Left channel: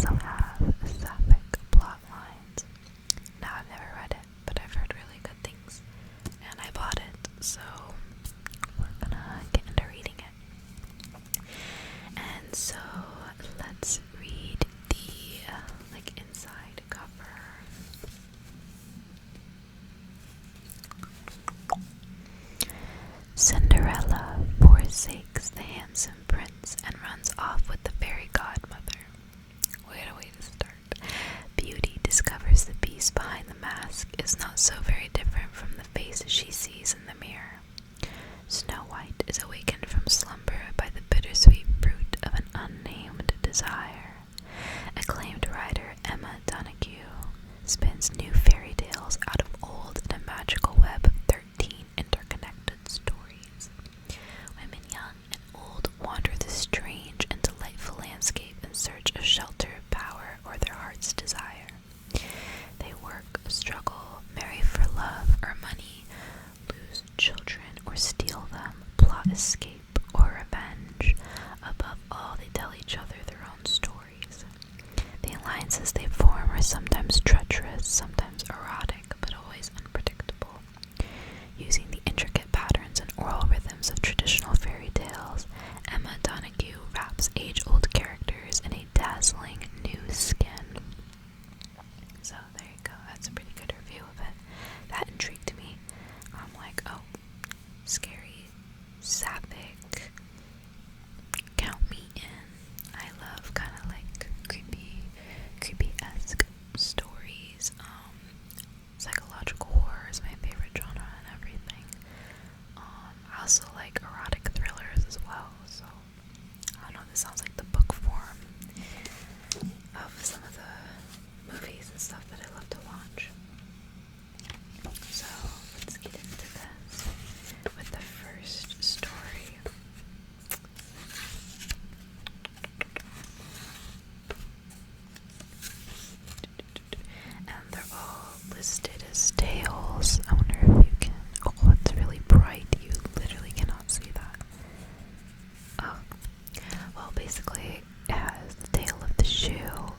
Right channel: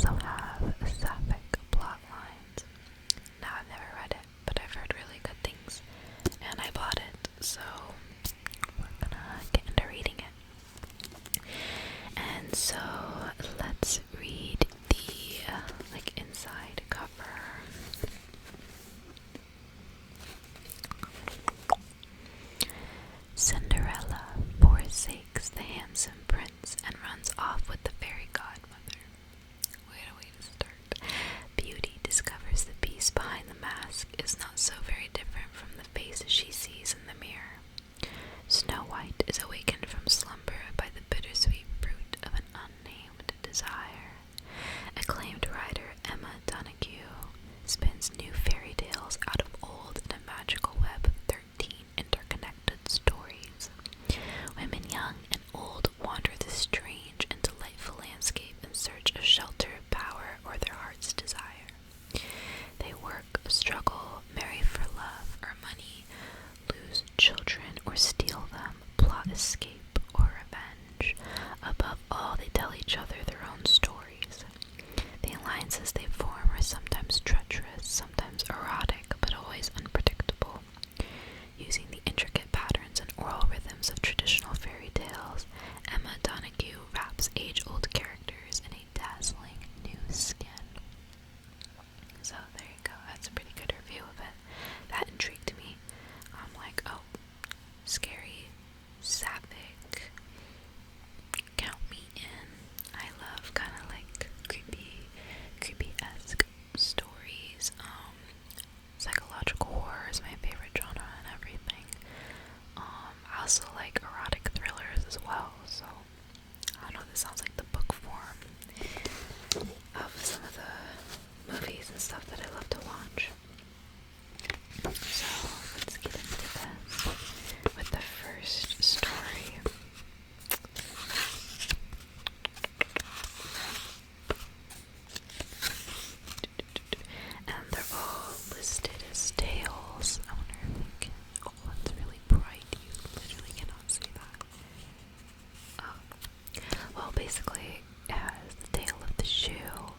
also have sapphic plot lines. Now, I've never read it, but I've heard really good things, and I bought it, so we're gonna get into reading it. And so, let's read the, inside cover. Cinderella forsakes the handsome prince and runs off with the fairy godmother. Wait a way to start. Beauty discovers the beast behind the mask is not so very different from the face she sees in the mirror. Snow White is awakened from slumber by the bittersweet fruit of an unnamed desire. Acclaimed writer Emma Donoghue spins new fairy tales out of old in a magical web of 13 interconnected stories. Women young and old wander this strange and delightful landscape in search of shelter, power, or their heart's desire. They work, struggle, marry for love or money, lose children or steal them, plot escape or revenge. Above all, they tell each other their own stories. The alliances they form are sometimes treacherous, sometimes erotic, but always unpredictable. Using the intricate patterns and oral rhythms of traditional fairy tales, Emma Donoghue wraps age-old characters in a dazzling new skin. So there you go, that's a pretty good review of it. That intrigued me. I'm like, oh, scary, sapphic, count me in. I love kind of like creepy-esque stories. Psychological horror is my favorite genre and everything. I also like erotic thrillers as well, so I don't know, this sounds like the book form of some of the movies and stuff that I love to watch. So let's get into this with the first story. And they're all listed as tales. I wonder if you can. Oh, it's really bright. You literally cannot see that. Oh. Well, basically, it has the tale of the shoe,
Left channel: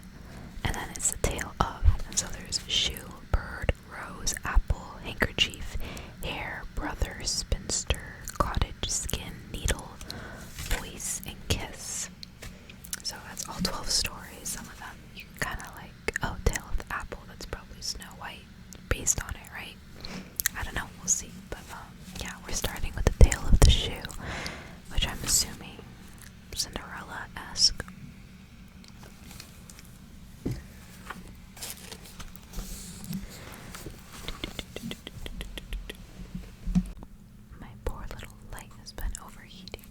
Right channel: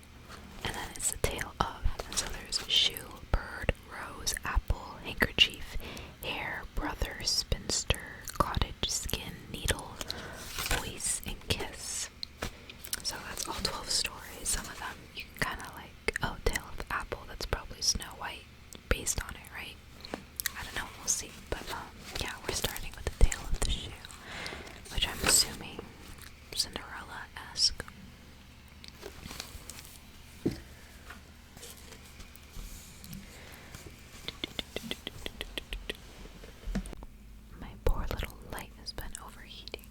and then it's the tale of. And so there's shoe, bird, rose, apple, handkerchief, hair, brother, spinster, cottage, skin, needle, voice, and kiss. So that's all 12 stories. Some of them you can kind of like, oh, Tale of the Apple, that's probably Snow White based on it, right? I don't know, we'll see. But yeah, we're starting with the Tale of the Shoe, which I'm assuming Cinderella-esque. My poor little light has been overheating.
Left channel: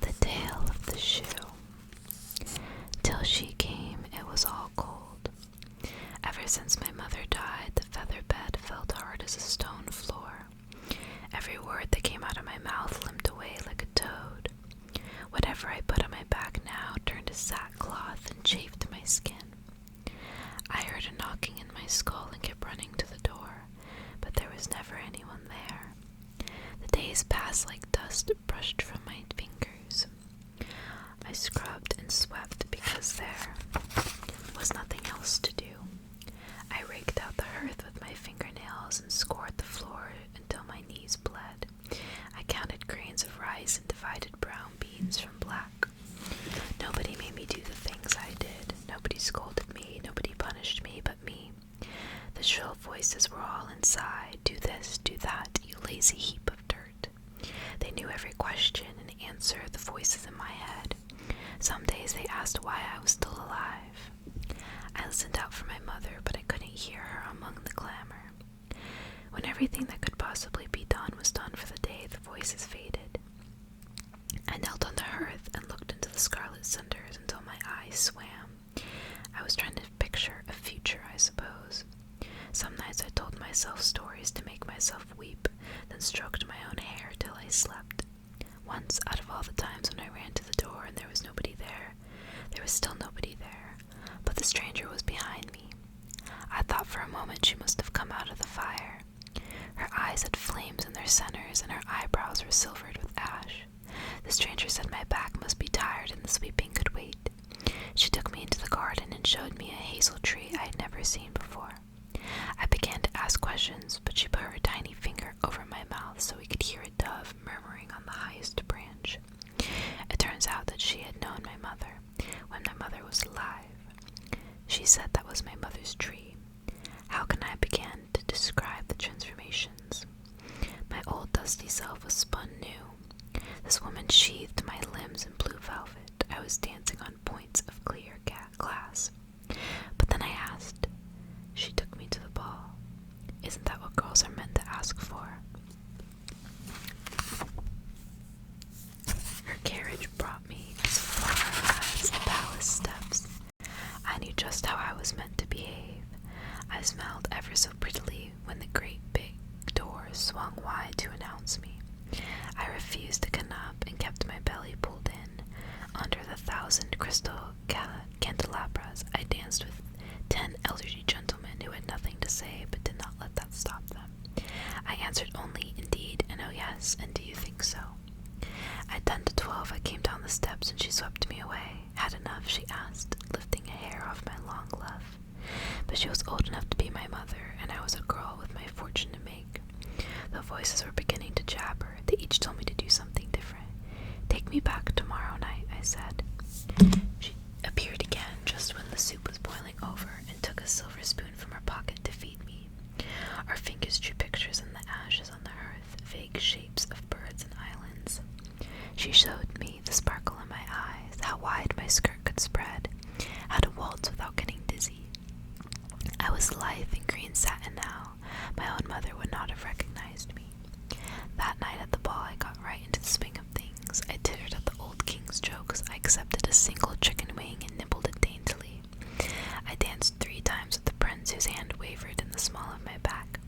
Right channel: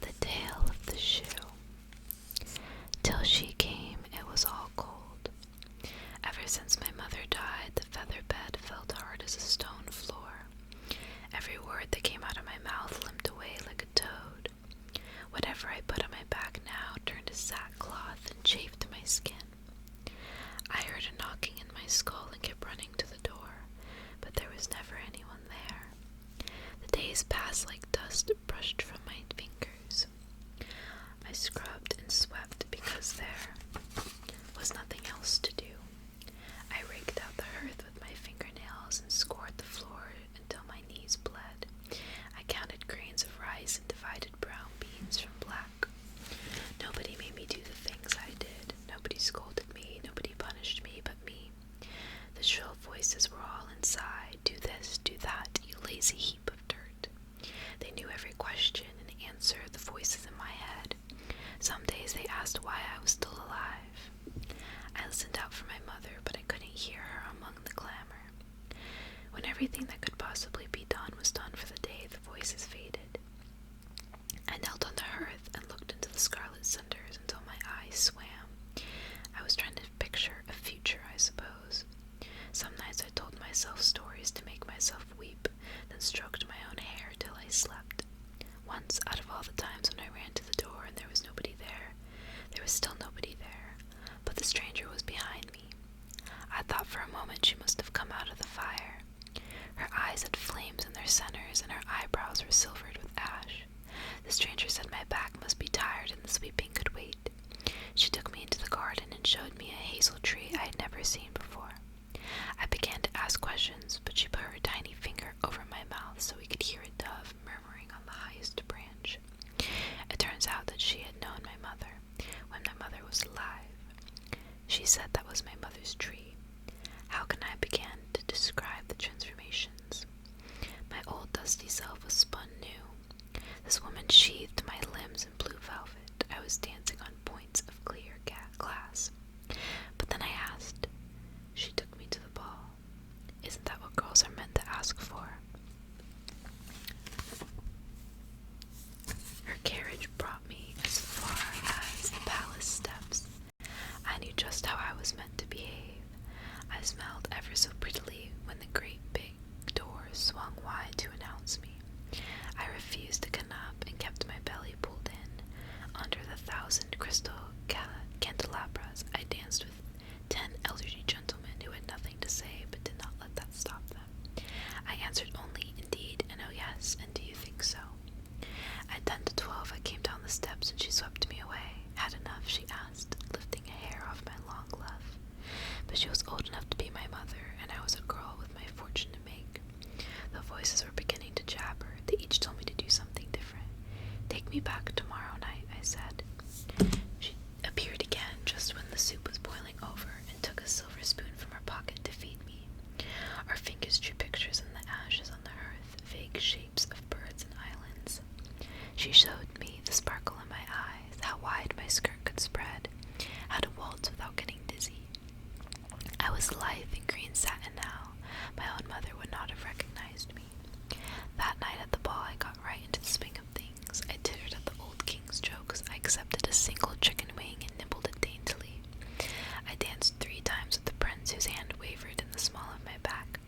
The Tale of the Shoe. Till she came, it was all cold. Ever since my mother died, the feather bed felt hard as a stone floor. Every word that came out of my mouth limped away like a toad. Whatever I put on my back now turned to sackcloth and chafed my skin. I heard a knocking in my skull and kept running to the door, but there was never anyone there. The days passed like dust brushed from my fingers. I scrubbed and swept because there was nothing else to do. I raked out the hearth with my fingernails and scoured the floor until my knees bled. I counted grains of rice and divided brown beans from black. Nobody made me do the things I did. Nobody scolded me. Nobody punished me but me. The shrill voices were all inside. Do this, do that, you lazy heap of dirt. They knew every question and answer, the voices in my head. Some days they asked why I was still alive. I listened out for my mother, but I couldn't hear her among the clamor. When everything that could possibly be done was done for the day, the voices faded. I knelt on the hearth and looked into the scarlet cinders until my eyes swam. I was trying to picture a future, I suppose. Some nights I told myself stories to make myself weep, then stroked my own hair till I slept. Once, out of all the times when I ran to the door and there was nobody there was still nobody there, but the stranger was behind me. I thought for a moment she must have come out of the fire. Her eyes had flames in their centers, and her eyebrows were silvered with ash. The stranger said my back must be tired and sweeping could wait. She took me into the garden and showed me a hazel tree I had never seen before. I began to ask questions, but she put her tiny finger over my mouth so we could hear a dove murmuring on the highest branch. It turns out that she had known my mother when my mother was alive. She said that was my mother's tree. How can I begin to describe the transformations? My old dusty self was spun new. This woman sheathed my limbs in blue velvet. I was dancing on points of clear glass. But then I asked. She took me to the ball. Isn't that what girls are meant to ask for? Her carriage brought me as far as the palace steps. I knew just how I was meant to behave. I smiled ever so prettily when the great big doors swung wide to announce me. I refused to get up and kept my belly pulled in. Under the 1,000 crystal candelabras, I danced with 10 elderly gentlemen who had nothing to say but did not let that stop them. I answered only indeed and oh yes, and do you think so? At 10 to 12 I came down the steps and she swept me away. Had enough, she asked, lifting a hair off my long glove. But she was old enough to be my mother, and I was a girl with my fortune to make. The voices were beginning to jabber. They each told me to do something different. Take me back tomorrow night, I said. She appeared again just when the soup was boiling over and took a silver spoon from her pocket to feed me. Our fingers drew pictures in the ashes on the hearth, vague shapes of birds and islands. She showed me the sparkle in my eyes, how wide my skirt could spread, how to waltz without getting dizzy. I was lithe in green satin now. My own mother would not have recognized me. That night at the ball I got right into the swing of things. I tittered at the old king's jokes. I accepted a single chicken wing and nibbled it daintily. I danced 3 times with the prince whose hand wavered in the small of my back.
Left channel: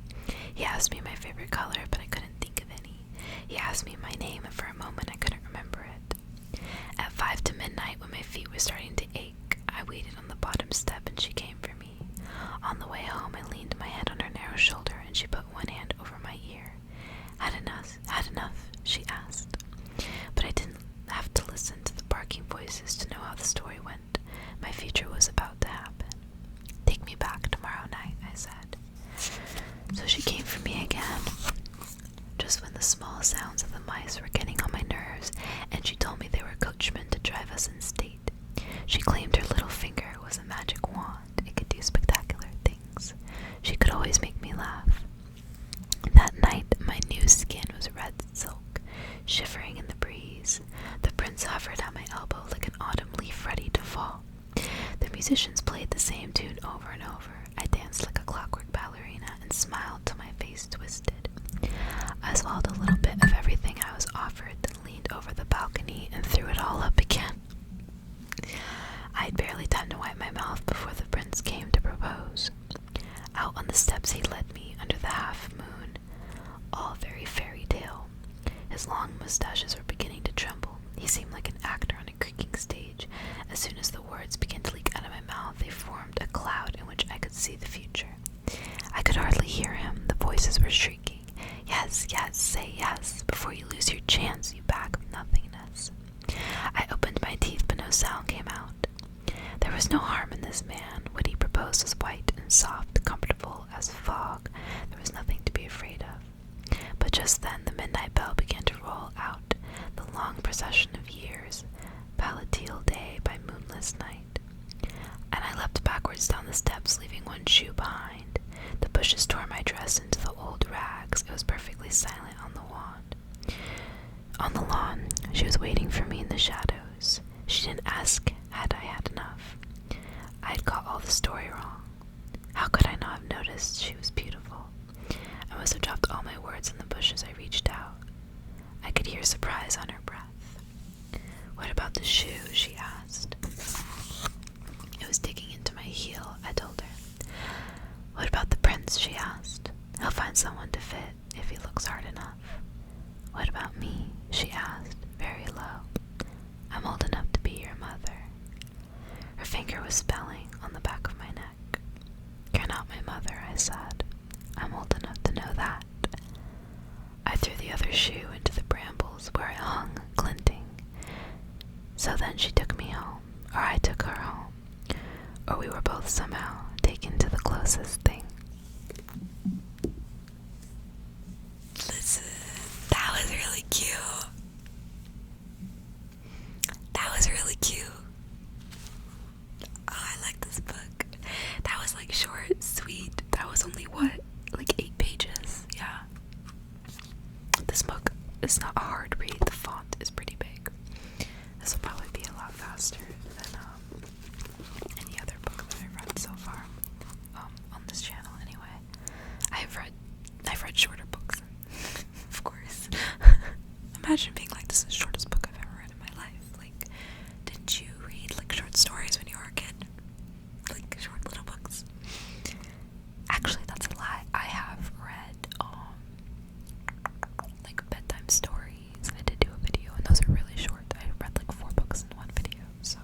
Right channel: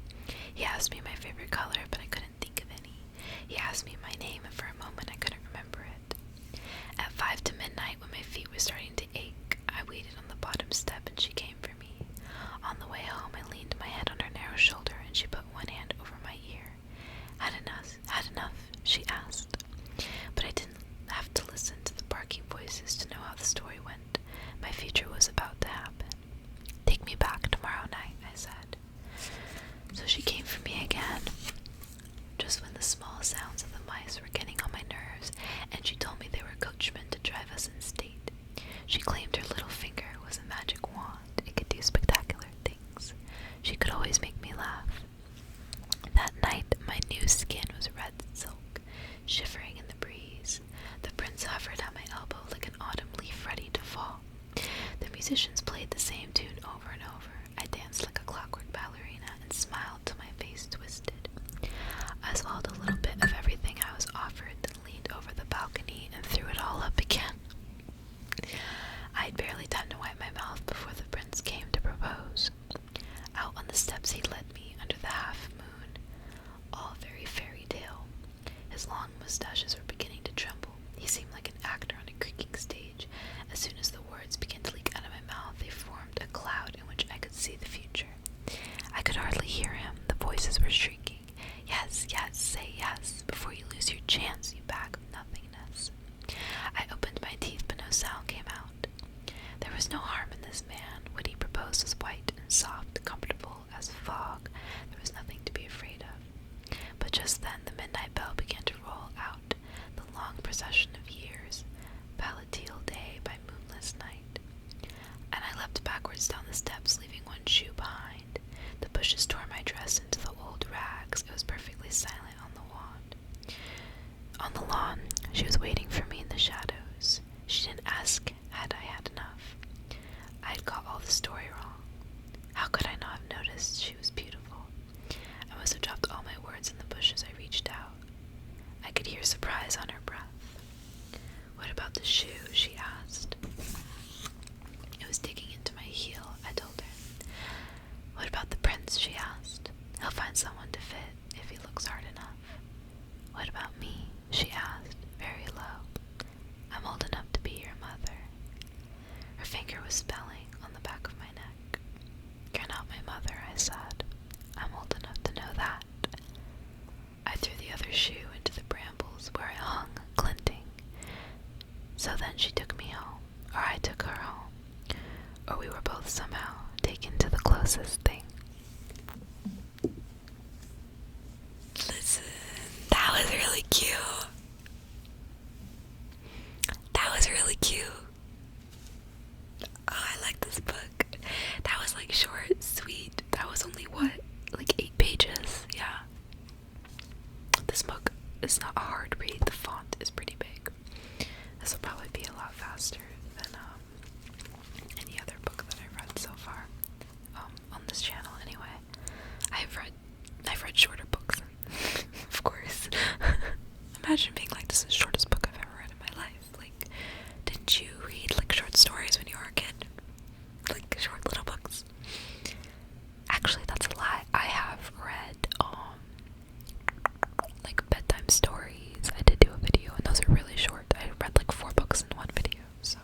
He asked me my favorite color, but I couldn't think of any. He asked me my name, and for a moment I couldn't remember it. At 5 to midnight, when my feet were starting to ache, I waited on the bottom step and she came for me. On the way home, I leaned my head on her narrow shoulder and she put one hand over my ear. Had enough, she asked. But I didn't have to listen to the barking voices to know how the story went. My future was about to happen. Take me back tomorrow night, I said. So she came for me again, just when the small sounds of the mice were getting on my nerves, and she told me they were coachmen to drive us in state. She claimed her little finger was a magic wand. It could do spectacular things. She could always make me laugh. That night, my new skin was red silk, shivering in the breeze. The prince hovered at my elbow like an autumn leaf ready to fall. The musicians played the same tune over and over. I danced like a clockwork ballerina and smiled till my face twisted. I swallowed a little bit of everything I was offered, then leaned over the balcony and threw it all up again. I had barely time to wipe my mouth before the prince came to propose. Out on the steps he led me under the half moon, all very fairy tale. His long mustaches were beginning to tremble. He seemed like an actor on a creaking stage. As soon as the words began to leak out of my mouth, they formed a cloud in which I could see the future. I could hardly hear him. The voices were shrieking. Yes, yes, say yes, before you lose your chance, you bag of nothingness. I opened my teeth, but no sound came out. There was no harm in this man. What he proposed was white and soft, comfortable as fog. There was nothing to be afraid of. But just then the midnight bell began to roll out, the long procession of years, palatine day by moonless night. And I leapt backwards down the steps, leaving one shoe behind. The bushes tore my dress into the old rags. It was perfectly silent on the lawn. On the lawn, she was waiting for me in the shadows. She didn't ask had I had enough. I had got all the story wrong. How could I not have noticed she was beautiful? I must have dropped all my words in the bushes. I reached out. I could hear surprise on her breath. What about the shoe? She asked. It was digging into my heel, I told her. What about the prince? She asked. He'll find someone to fit if he looks hard enough. What about me? She asked, very low. I'm old enough to be your mother. Her finger was spelling on the back of my neck. You're not my mother, I said. I'm old enough to know that. I threw the other shoe into the brambles where it hung, glinting. So then she took me home, or I took her home, or we were both somehow taken to the closest thing. Listen, that was really cute. That was really cute. Oh, I like this book. That was like short, sweet. That was only what? Like 8 pages. Yeah. This book is not a hard read. The font is pretty big. This will probably be a lot faster than any other book that I've read so far on this channel. Anyway, I've read shorter books, of course. Imagine being like, this is the shortest book I've ever read in my life. Like, didn't you read like short stories when you were a kid? Like short little books? Actually, that's a lie. I have read like bedtime stories. I did do a video, and those are really short. I read like 4 books in one video, so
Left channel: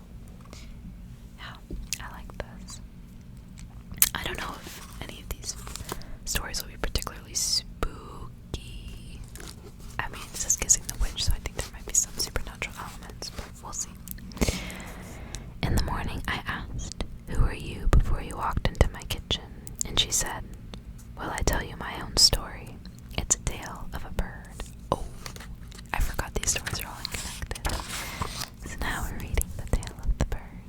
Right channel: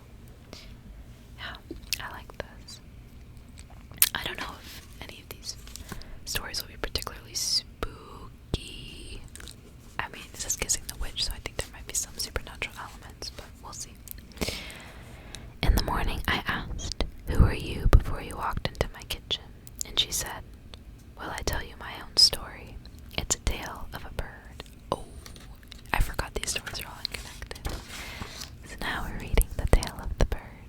yeah, I like this. I don't know if any of these stories will be particularly spooky. I mean, it says Kissing the Witch, so I think there might be some supernatural elements, but we'll see. In the morning, I asked, "Who are you?" before you walked into my kitchen, and she said, "Will I tell you my own story? It's a tale of a bird." Oh, I forgot these stories are all connected. So now we're reading The Tale of the Bird.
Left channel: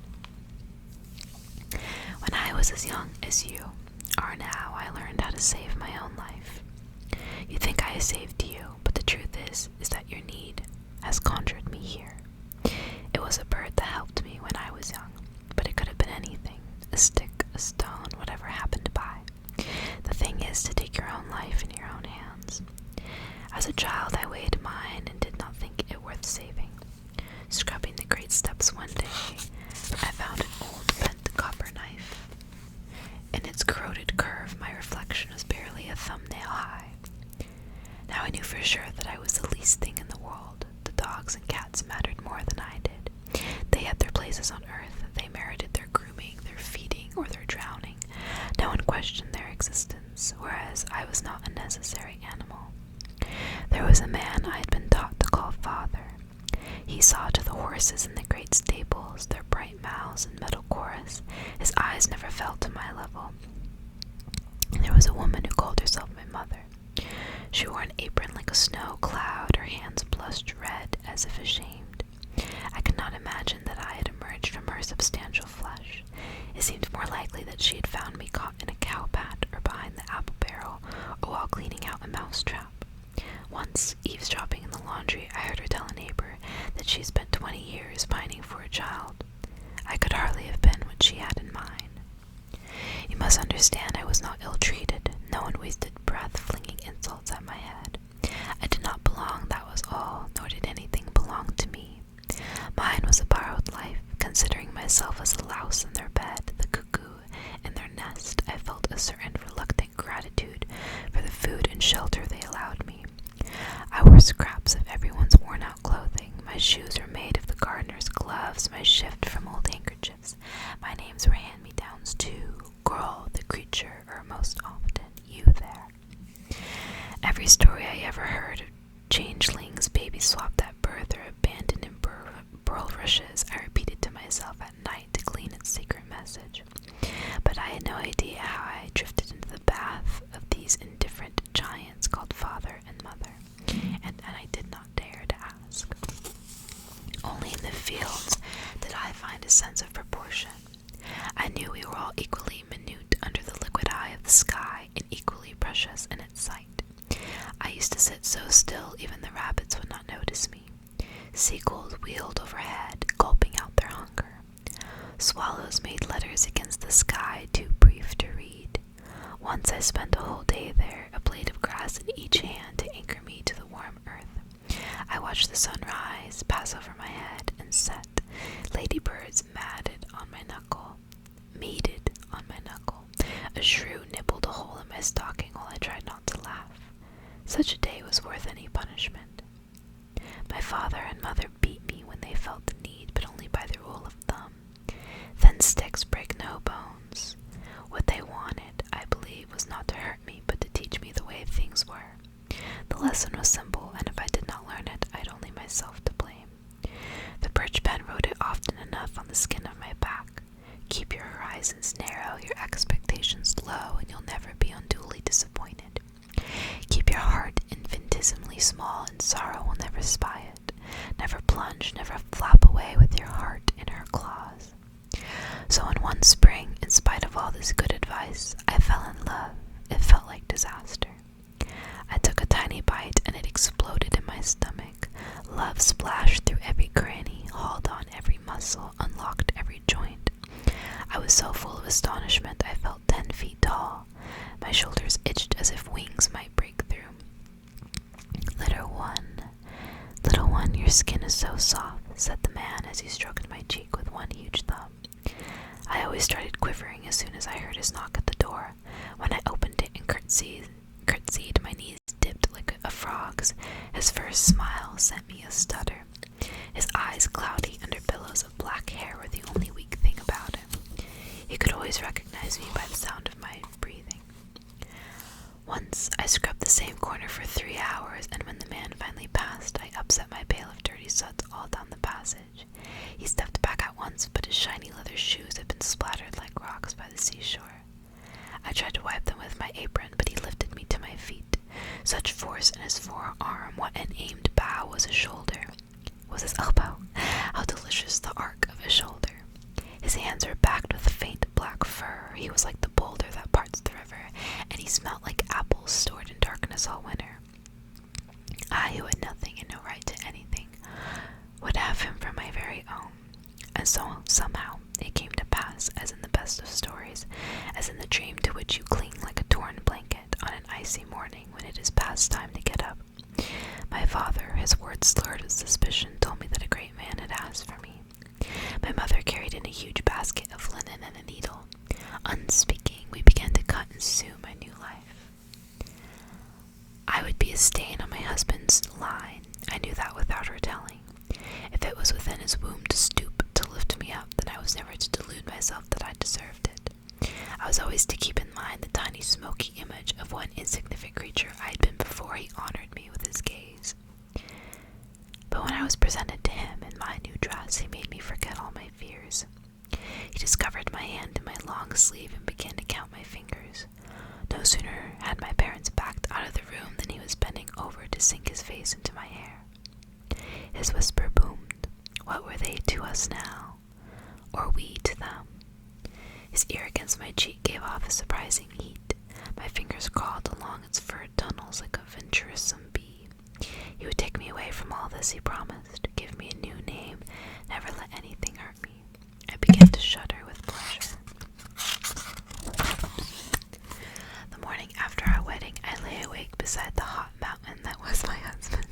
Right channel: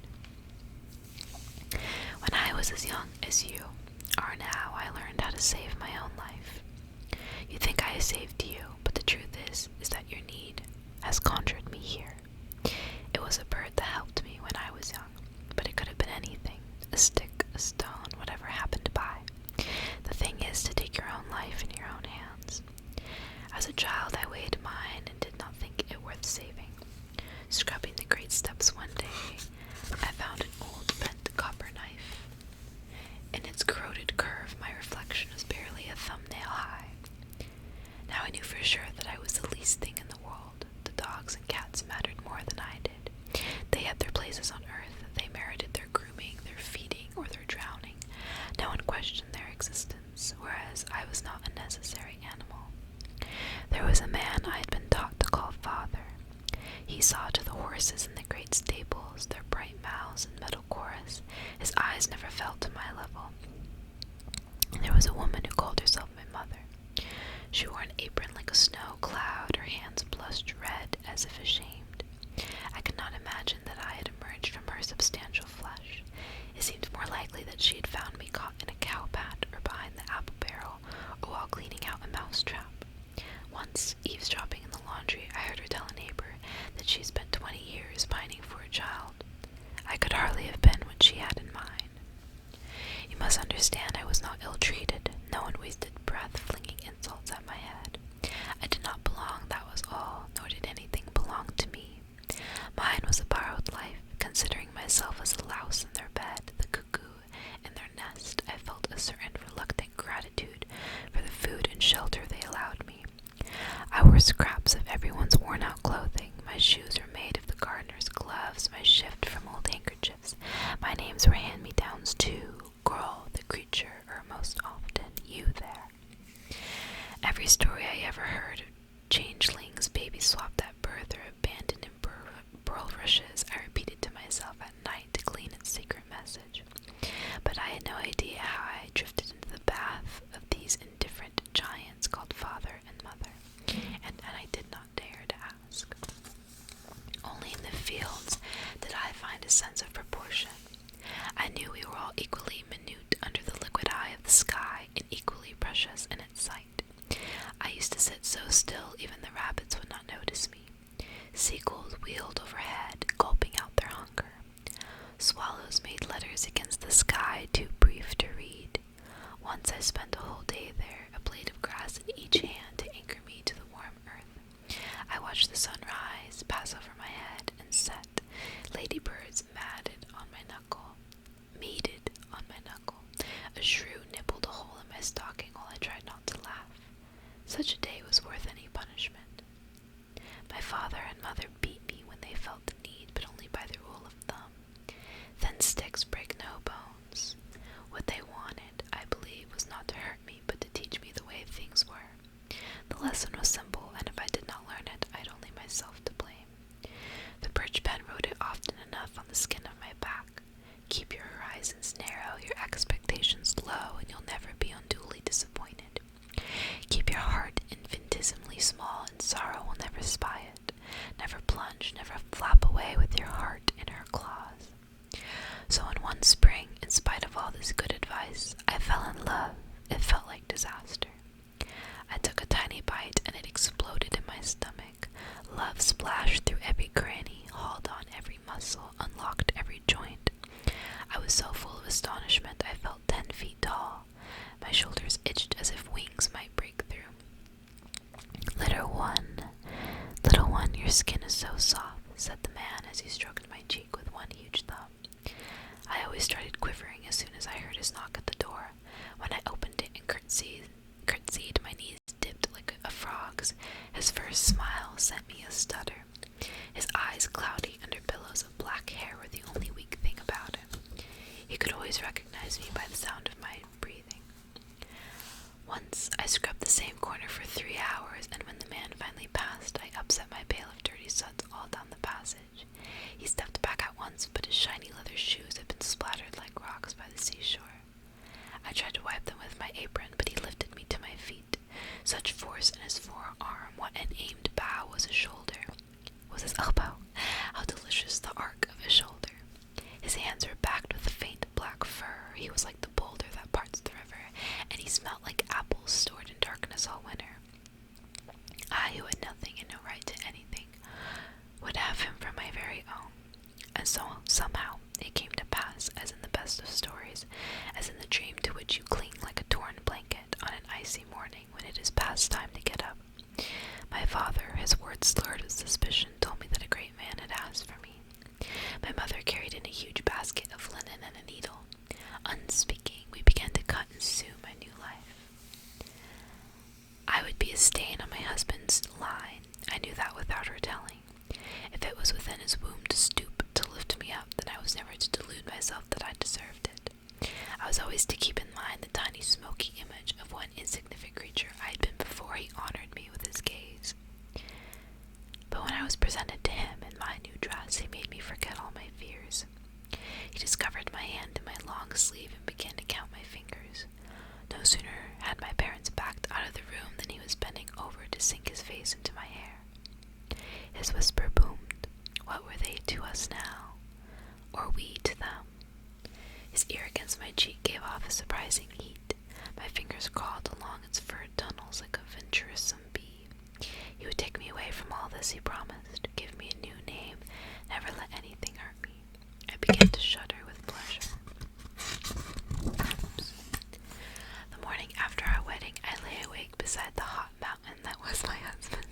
When I was as young as you are now, I learned how to save my own life. You think I saved you, but the truth is that your need has conjured me here. It was a bird that helped me when I was young, but it could have been anything, a stick, a stone, whatever happened by. The thing is to take your own life in your own hands. As a child, I weighed mine and did not think it worth saving. Scrubbing the great steps one day, I found an old bent copper knife. In its corroded curve, my reflection was barely a thumbnail high. Now I knew for sure that I was the least thing in the world. The dogs and cats mattered more than I did. They had their places on earth. They merited their grooming, their feeding, or their drowning. No one questioned their existence, whereas I was not a necessary animal. There was a man I had been taught to call father. He saw to the horses in the great stables, their bright mouths and metal chorus. His eyes never fell to my level. There was a woman who called herself my mother. She wore an apron like a snow cloud, her hands blushed red as if ashamed. I could not imagine that I had emerged from her substantial flesh. It seemed more likely that she had found me caught in a cow pat or behind the apple barrel or while cleaning out a mouse trap. Once, eavesdropping in the laundry, I heard her tell a neighbor that she spent 20 years pining for a child. I could hardly have been what she had in mind. You must understand I was not ill-treated. No one wasted breath flinging insults at my head. I did not belong, that was all, nor did anything belong to me. Mine was a borrowed life. Considering myself as a louse in their bed, the cuckoo in their nest, I felt a certain reluctant gratitude for the food and shelter they allowed me. I wore scraps of everyone's worn-out clothing. My shoes were made of the gardener's gloves, my shift from old handkerchiefs. My names were hand-me-downs too. Girl, the creature, or most often, you there. Every story I ever heard of changelings, babies swapped at birth, or abandoned in bulrushes, I repeated to myself at night to glean its secret message. But I had no idea how I drifted into the path of these indifferent giants called father and mother, and I did not dare to ask. Only in the fields did I find a sense of proportion. I knew we were all equally minute under the liquid eye of the sky and equally precious in its sight. I used to sit so still even the rabbits would not notice me. Seagulls wheeled overhead, gulping out their hunger. Swallows made letters against the sky too brief to read. Once I spent a whole day there, a blade of grass in each hand to anchor me to the warm earth. I watched the sun rise, pass over my head, and set. Ladybirds mated on my knuckle. A shrew nibbled a hole in my stocking while I tried not to laugh. Such a day was worth any punishment. My father and mother beat me when they felt the need, but only by the rule of thumb. Thin sticks break no bones. What they wanted, I believe, was not to hurt me, but to teach me the way things were. The lesson was simple, and if I did not learn it, I had only myself to blame. The birch pen wrote it off small, and sorrow will never spy it. Never plunge, never flap away with your heart in her claws. So in one spring, in spite of all this good advice, I fell in love. It felt like disaster. I took a tiny bite and it exploded in my stomach. Love splashed through every cranny, hauled on every muscle, unlocked every joint. I was so full of astonishment I felt 10 feet tall. My shoulders itched as if wings might break through. Little one, your skin is so soft, said the man as he stroked my cheek with one huge thumb. I always started quivering as soon as I heard his knock at the door. When I opened it and curtsied, my knees dipped like a frog's. His first smile sent me a stutter. His eyes, cloudy under pillows of black hair, were the only weak thing about him. He could always recognize me by the sound of my breathing. Once I scrubbed the same corner for 3 hours, and when the man finally passed, I upset my pail of dirty suds all down the passage. He stepped back at once, but his shiny leather shoes had been splattered like rocks by the seashore. I tried to wipe them with my apron, but he lifted me to my feet. Such force in his forearm, what an aimed bow was his shoulder. Was his elbow? How delicious the arc of his shoulder. His hands were backed with faint black fur. He was like the boulder that parts the river, and he smelt like apples stored in darkness all winter. I, who had nothing and no right to anything, would have him for my very own. And so, somehow, it came to pass, as in the best of stories, as in the dream to which you cling like a torn blanket on an icy morning when it is past time to get up. My father, his words slurred with suspicion, told me that a great man had asked for me. My mother carried in a huge basket of linen and a needle. Unspeaking, we began to cut and sew my new life. I would be a stain on my husband's line. I knew that without her telling. If it was within his womb to stoop to lift me up, then I was never to delude myself that I deserved it. I was always to keep in mind the tiny smoky image of one insignificant creature I had been before he honored me with his gaze. But when I was presented to him in my new dress, he made me forget all my fears. He discovered my hand in my long sleeve and began to count my fingers. No sooner had my parents backed out of the room than he was bending over to sink his face into my hair. His whisper boomed. What were they to us now? Or we to them? His ear against my cheek gave off a surprising heat. My fingers crawled along its furred tunnels like a venturesome bee. He would take me away from all this, he promised, give me a new name, never let anything hurt me. I began to shudder with pleasure. The morning after our wedding, I lay awake beside the hot mountain that was my husband.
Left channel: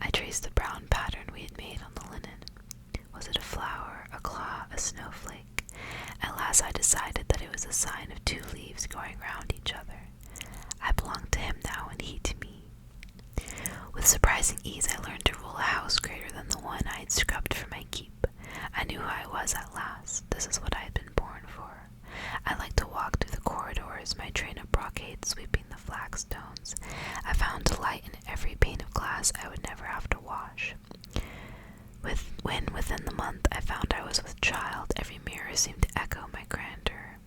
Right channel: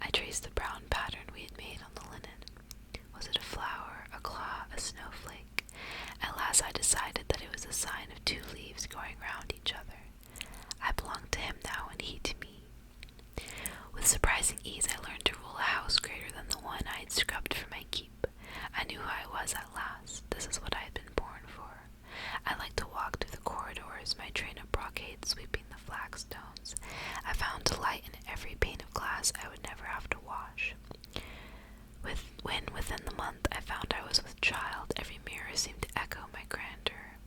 I traced the brown pattern we had made on the linen. Was it a flower, a claw, a snowflake? At last I decided that it was a sign of 2 leaves going round each other. I belonged to him now, and he to me. With surprising ease, I learned to rule a house greater than the one I had scrubbed for my keep. I knew who I was at last. This is what I had been born for. I liked to walk through the corridors, my train of brocade sweeping the flagstones. I found delight in every pane of glass I would never have to wash. When within the month I found I was with child, every mirror seemed to echo my grandeur.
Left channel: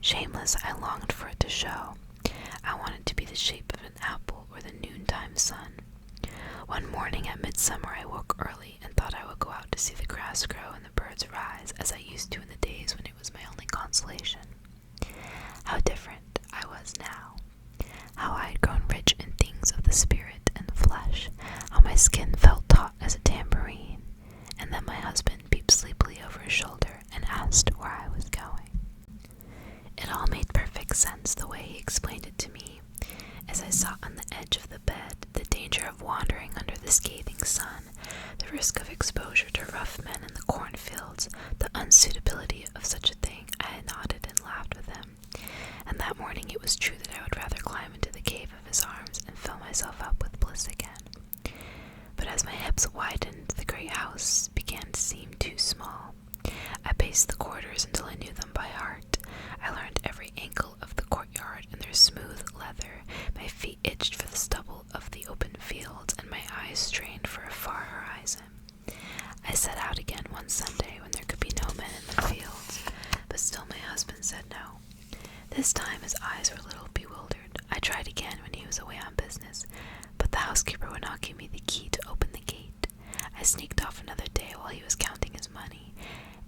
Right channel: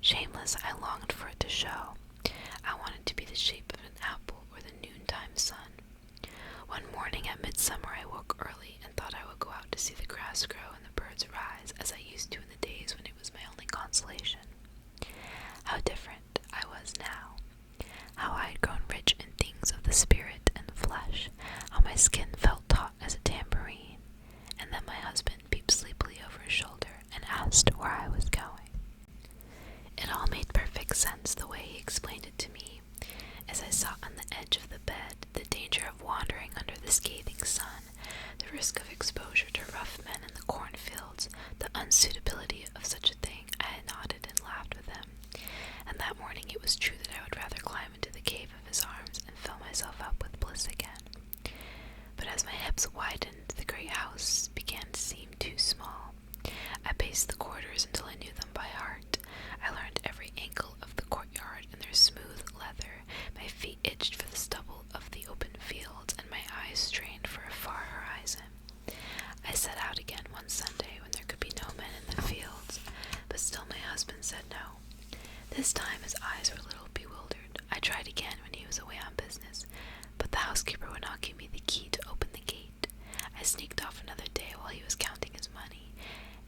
Shameless, I longed for it to show. I wanted to be the shape of an apple or the noontime sun. One morning at midsummer I woke early and thought I would go out to see the grass grow and the birds rise, as I used to in the days when it was my only consolation. How different I was now. How I had grown rich in things of the spirit and flesh. How my skin felt taut as a tambourine. And then my husband peeped sleepily over his shoulder and asked where I was going. It all made perfect sense the way he explained it to me. As I sat on the edge of the bed, the danger of wandering under the scathing sun, the risk of exposure to rough men in the cornfields, the unsuitability of such a thing, I had nodded and laughed with him. And that morning it was true that I would rather climb into the cave of his arms and fill myself up with bliss again. But as my hips widened, the great house began to seem too small. I paced the corridors until I knew them by heart. I learned every ankle of the courtyard and their smooth leather. My feet itched for the stubble of the open fields, and my eyes strained for a far horizon. I set out again one Sunday when there could be no men in the fields, but still my husband said no. This time his eyes were a little bewildered. I tried again when he was away on business, but the housekeeper would not give me the key to open the gate. I sneaked off another day while he was counting his money,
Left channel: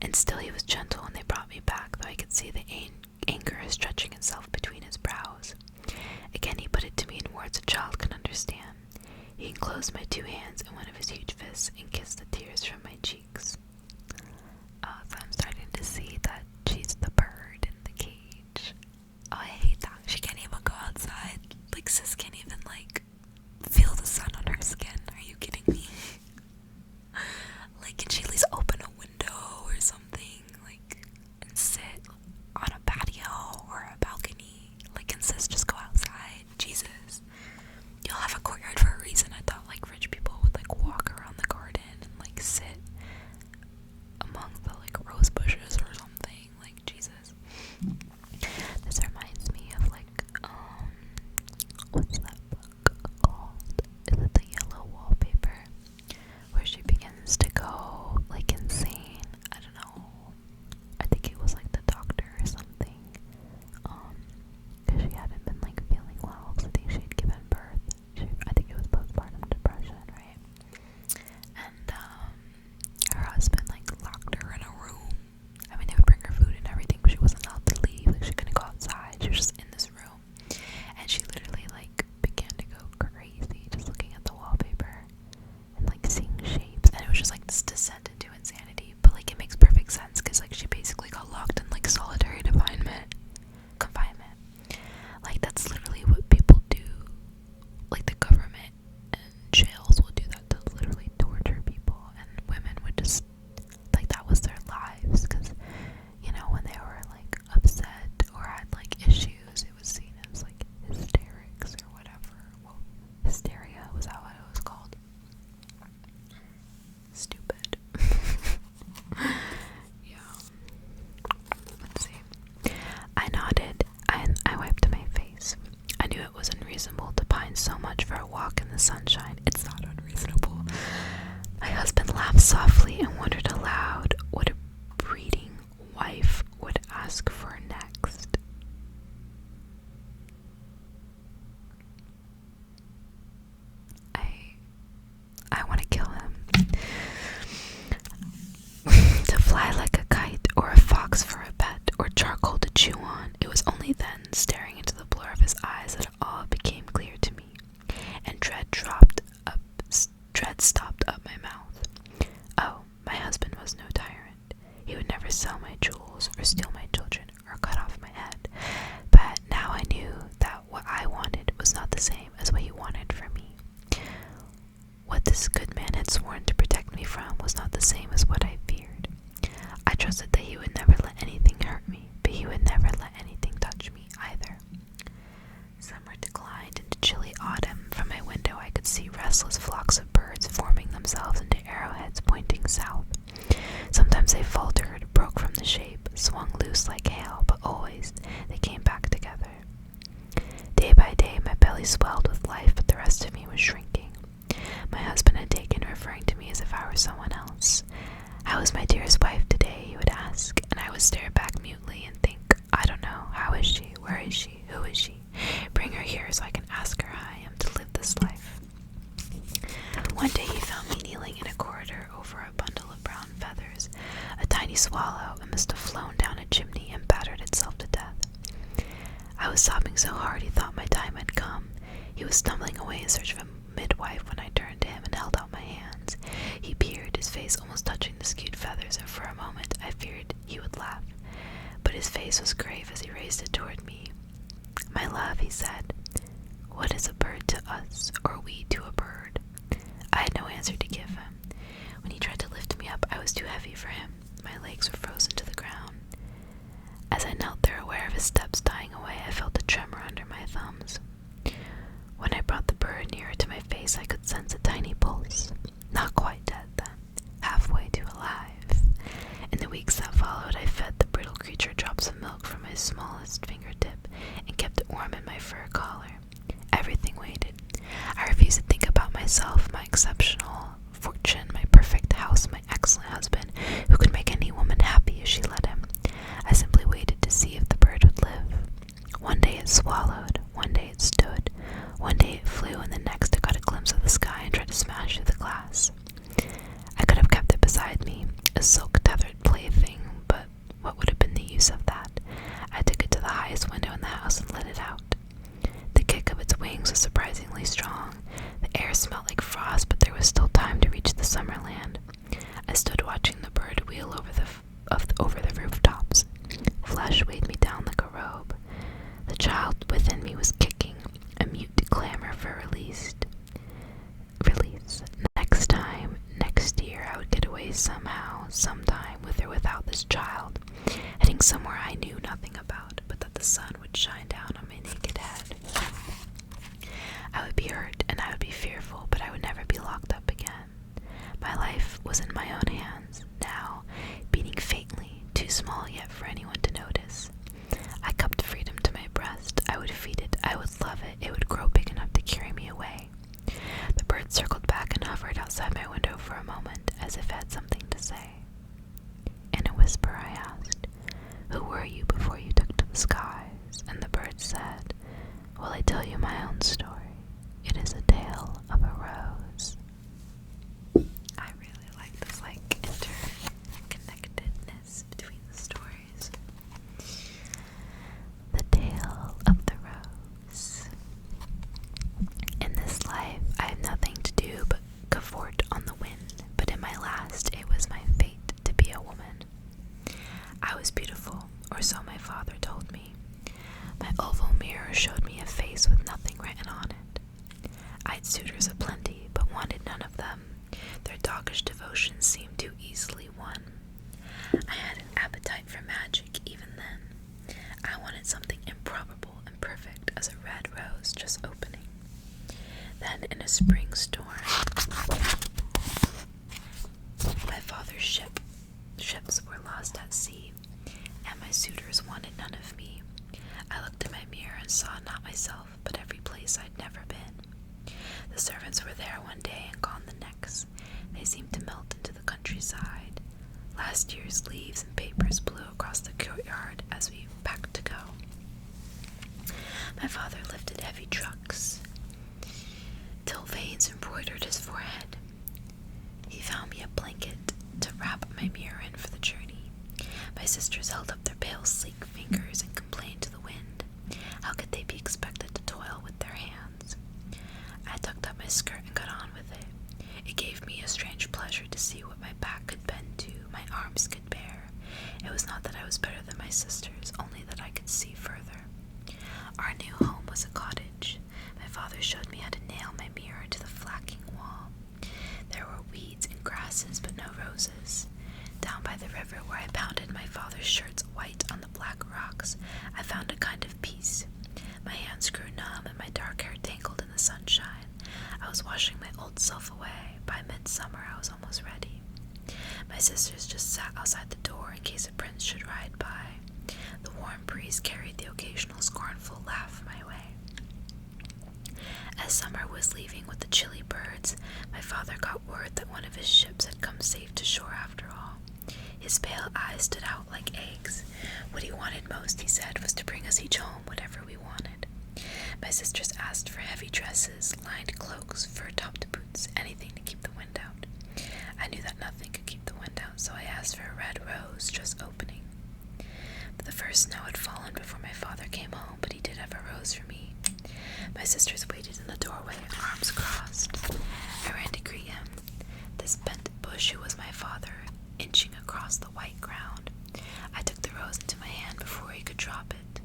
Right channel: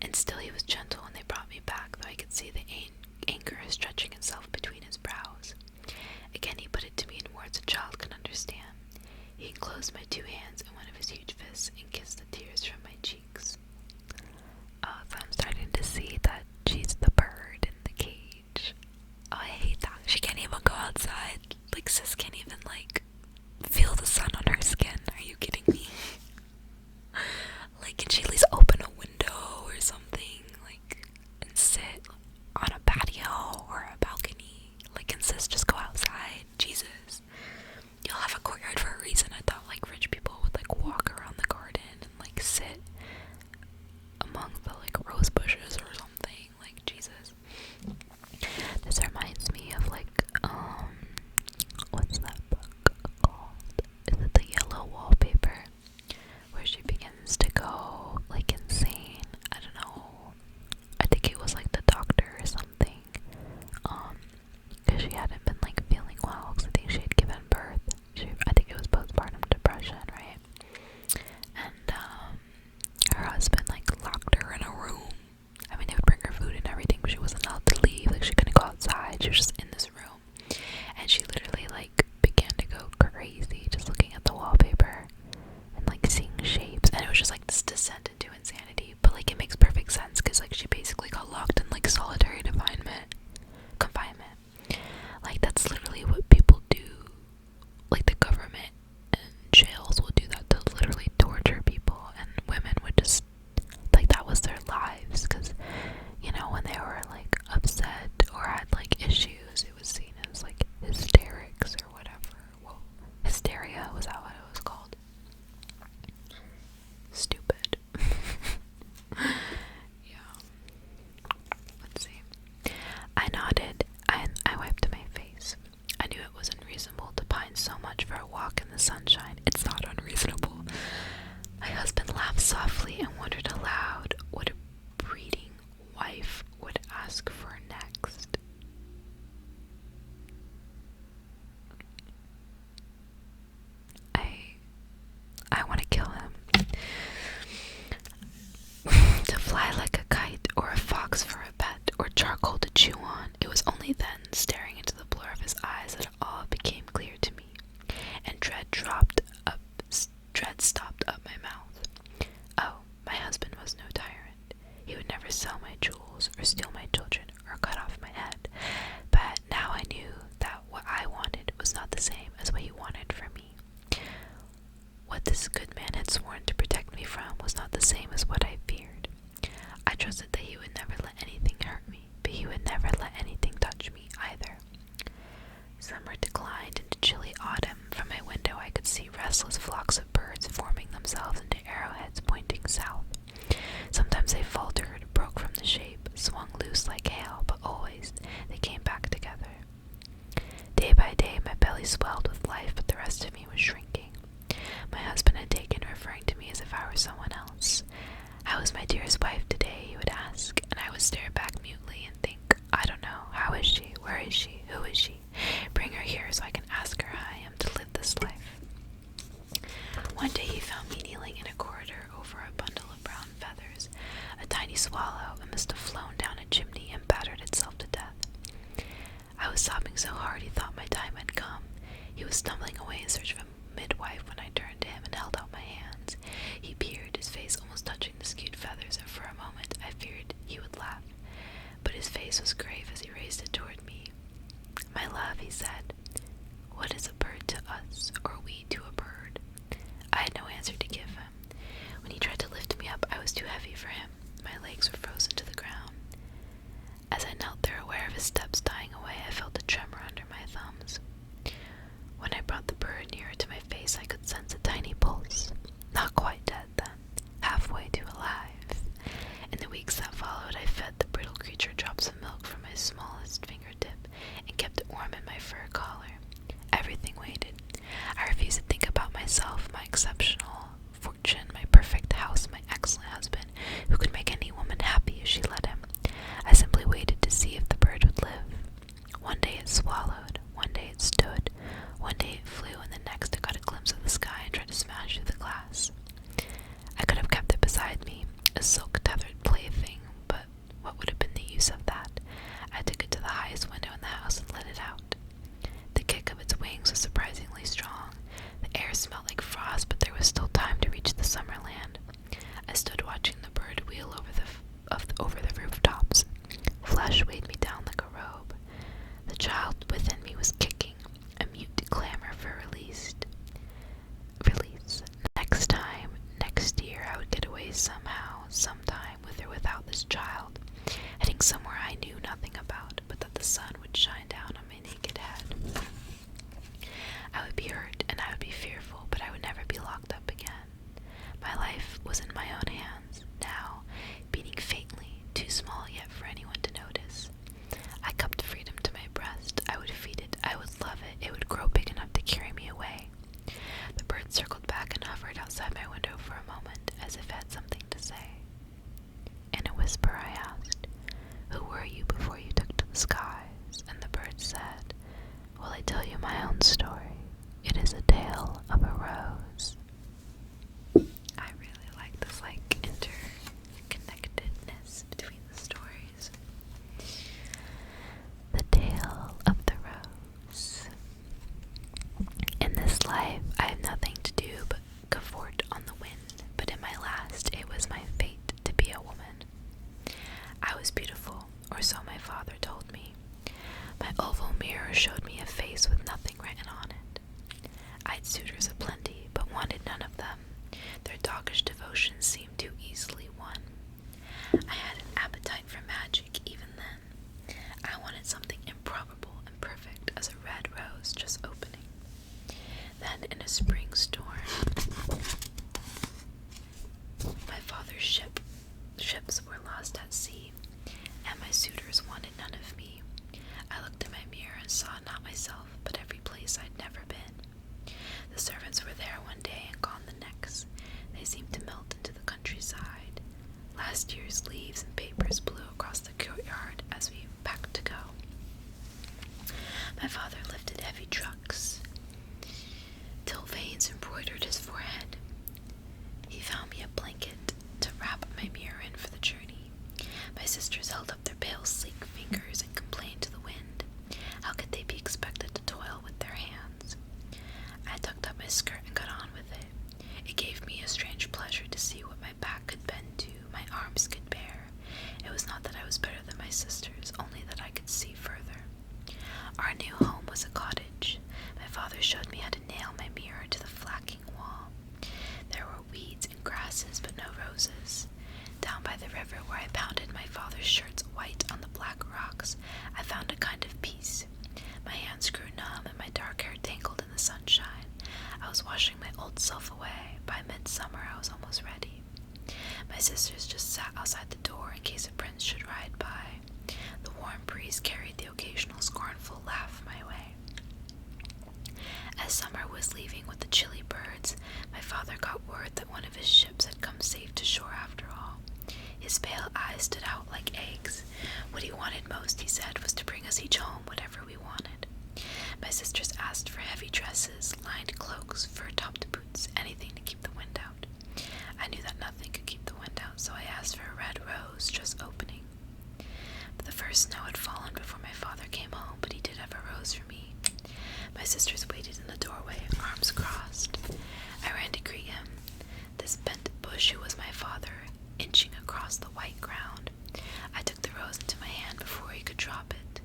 and still he was gentle when they brought me back, though I could see the anger stretching itself between his brows. Again he put it to me in words a child could understand. He enclosed my two hands in one of his huge fists and kissed the tears from my cheeks. So I'm starting to see that she's the bird in the cage. Oh, I hate that. She can't even go outside. Like, sis can't even, like, feel the sun on her skin. Are you kidding me? Like, can she at least open a window or something? Like, and sit on a patio or a balcony? Like, can sis just go outside? Jesus. You'll have a courtyard for a reason. I thought, like, rich people would, like, walk around the garden and, like, sit among the, like, rose bushes or something. Like, Jesus. This reminds me of, like, what's that book called? Is it The Yellow Wallpaper? Where she begins to go, like, insane. I don't know. I think it was, like, the doctor or something. Because she hadn't been, like, feeling well. Because I think she had given birth. I think it was postpartum depression, right? And, her husband, like, locked her in a room. I mean, they would bring her food and everything, but she wasn't allowed to leave. Like, she couldn't go outside. She was just in this room. And she literally, like, began to go crazy just looking at the wallpaper and, like, seeing shapes. And it was just, like, this descent into insanity. But, like, it makes perfect sense because, like, she basically got locked in, like, solitary confinement. Like, that's literally what people do. Like, the government and jails will do that to literally torture people, and women would just, like, that was their lives, because, you know, when they were, like, upset or had, like, issues, it was seen as, like, hysterics or whatever. Well, hysteria, was that what it was called? Stupid. Yeah. Let's see. I nodded, and I wiped my face. I knew it was unreasonable to pine so much for a walk in the sunshine. It's not unreasonable. My husband laughed softly and wondered aloud what a breeding wife would ask for next. I want to kill him. To fly like a kite, or a fox for a pet, or charcoal to chew on. It was only then, staring into the blur of his eyes, that it all became clear to me, and dread stopped up my mouth. Oh, my husband was no tyrant. He would never sell my jewels, or steal my children, or cut off my head. But now I knew that what I wanted was not the same as what he wanted for me. What this good man had sworn to protect me from was not the same as what I feared. I trusted that he would never let anything hurt me, but he would never let anything touch me either. Summer declined into chilly autumn. From my window I could see restless flocks of birds forming themselves into arrowheads pointing south. Sometimes they faltered, broke from the shape, swung loose like hail, but always they came back together. Day by day my belly swelled with life, but the rest of me was shrinking. My husband had taken referring to me as if I were someone else. How is my dearest wife today, he would ask, and I would stare back mutely and think, I don't know, how is she, where is she, who is she? Bring her here so I can ask her how I am to live this life. One day he found me kneeling in a corridor over a bundle of brown feathers. A tiny swallow, it must have flown down a chimney and battered itself to death. I was sobbing so hard he thought my time had come. He was stumbling away in search of a midwife when I turned to him and held out my hands. He peered, his face almost touching the skewed feathers, and for a moment I feared he would laugh. But his face was grave as he raised it toward me. My love, he said, what is a bird to us, or we to a bird? I had no answer to give him. When he tried to lift me up, I was too heavy for him. My legs were frozen to the ground. As I knelt there, aware of his steps dying away, I felt a tremor under my thumbs. When I brought the bird nearer to my face, I could sense a tiny pulse. Not quite dead then, halfway to alive. In the weeks that followed, I fed the brittle creature drops of milk from my smallest fingertip and kept it warm in my fur collar. Everything waited. I refused to think about myself, my exceptional fortune, my perfect house, my excellent husband, who could make any woman happy if she let him. I simply waited to see if the bird would live. One day it swallowed, one day it stood, one day it flew, and the next I got a glimpse of a silk-tethered plaything, but what would have been the use of that? I took it to the highest window in the house and let it out. The kick of its wings was surprisingly strong. The air smelled like frost, but there was still time to reach the summer land. I stood watching the bird wheel over the rooftops. Flesh weighed me down like a robe. The child within me was kicking, a mute clamor for release. Next year, I would get away somehow, sometime, with or without this child, heading somewhere I knew nothing about, but that the sun would shine down on my naked head. I would be hurt and I would be fearful, but I would never be locked up again. My life was in my own hands, now, beating faintly, too small yet for anyone to notice. I cupped freedom to my breast. I would feed it, I would love it, it would grow big enough to carry me away. The bird circled back and hovered outside my window for a moment, as if it had something to say. In a whisper I asked, "Who were you before you took to the skies?" And the bird said, "Will I tell you my own story? It is a tale of a rose." I really like this, interconnectedness between the stories. The tale of the rose. In this life, I have nothing to do but cavort on the wind, but in my last, it was my fate to be a woman. I was beautiful, or so my father told me. My oval mirror showed me a face with nothing written on it. I'd suitors aplenty, but wanted none of them. Their doggish devotion seemed too easily won. I had an appetite for magic even then. I wanted something improbable and perfect as a red rose just opening. Then in a spring storm, my father's ships were lost at sea, and my suitors wanted none of me. I looked in my mirror and saw not myself, but every place I'd never been. The servants were there one day and gone the next. They seemed to melt into the countryside. Last year's leaves and papers blew across the courtyard as we packed to go. My father lifted heavy trucks till veins embroidered his forehead. He found me a blanket to wrap my mirror in for the journey. My sisters held up their pale, sleek fingers and complained to the wind. How could they be expected to toil with their hands? I tucked up my skirt and got on with it. It gave me a strange pleasure to see what my back could bend to, my arms could bear. It was not that I was better than my sisters, only that I could see further. Our new home was a cottage. My father showed me how to nail my mirror to the flagging wall. There were weeds and grasses, but no roses. Down by the river where I pounded my father's shirts white on the black rocks, I found a kind of peace. My hands grew numb and my dark hair tangled in the sunshine. I was washing my old self away. By midsummer, I was almost ready. My sisters just sat outside the door in case a prince should ride by. The warm breeze carried the occasional scornful laugh my way. As summer was leaving with the chilly birds, my father got word that one of his ships had come safe to shore after all. His pale eyes stood out like eggs. What he wanted most, he said, was to bring us each home whatever we wanted. My sisters asked for heavy dresses, lined cloaks, fur-topped boots, anything to keep the wind out. I knew that nothing could keep the wind out, so I asked for a red rose just opening. But the first snow had fallen before my father came home, but he did have a rose for me. My sisters waited in the doorway, arms crossed. I ran to greet him. This bent bush who was my father, inching across the white ground. I took the rose into my hand before he could drop it.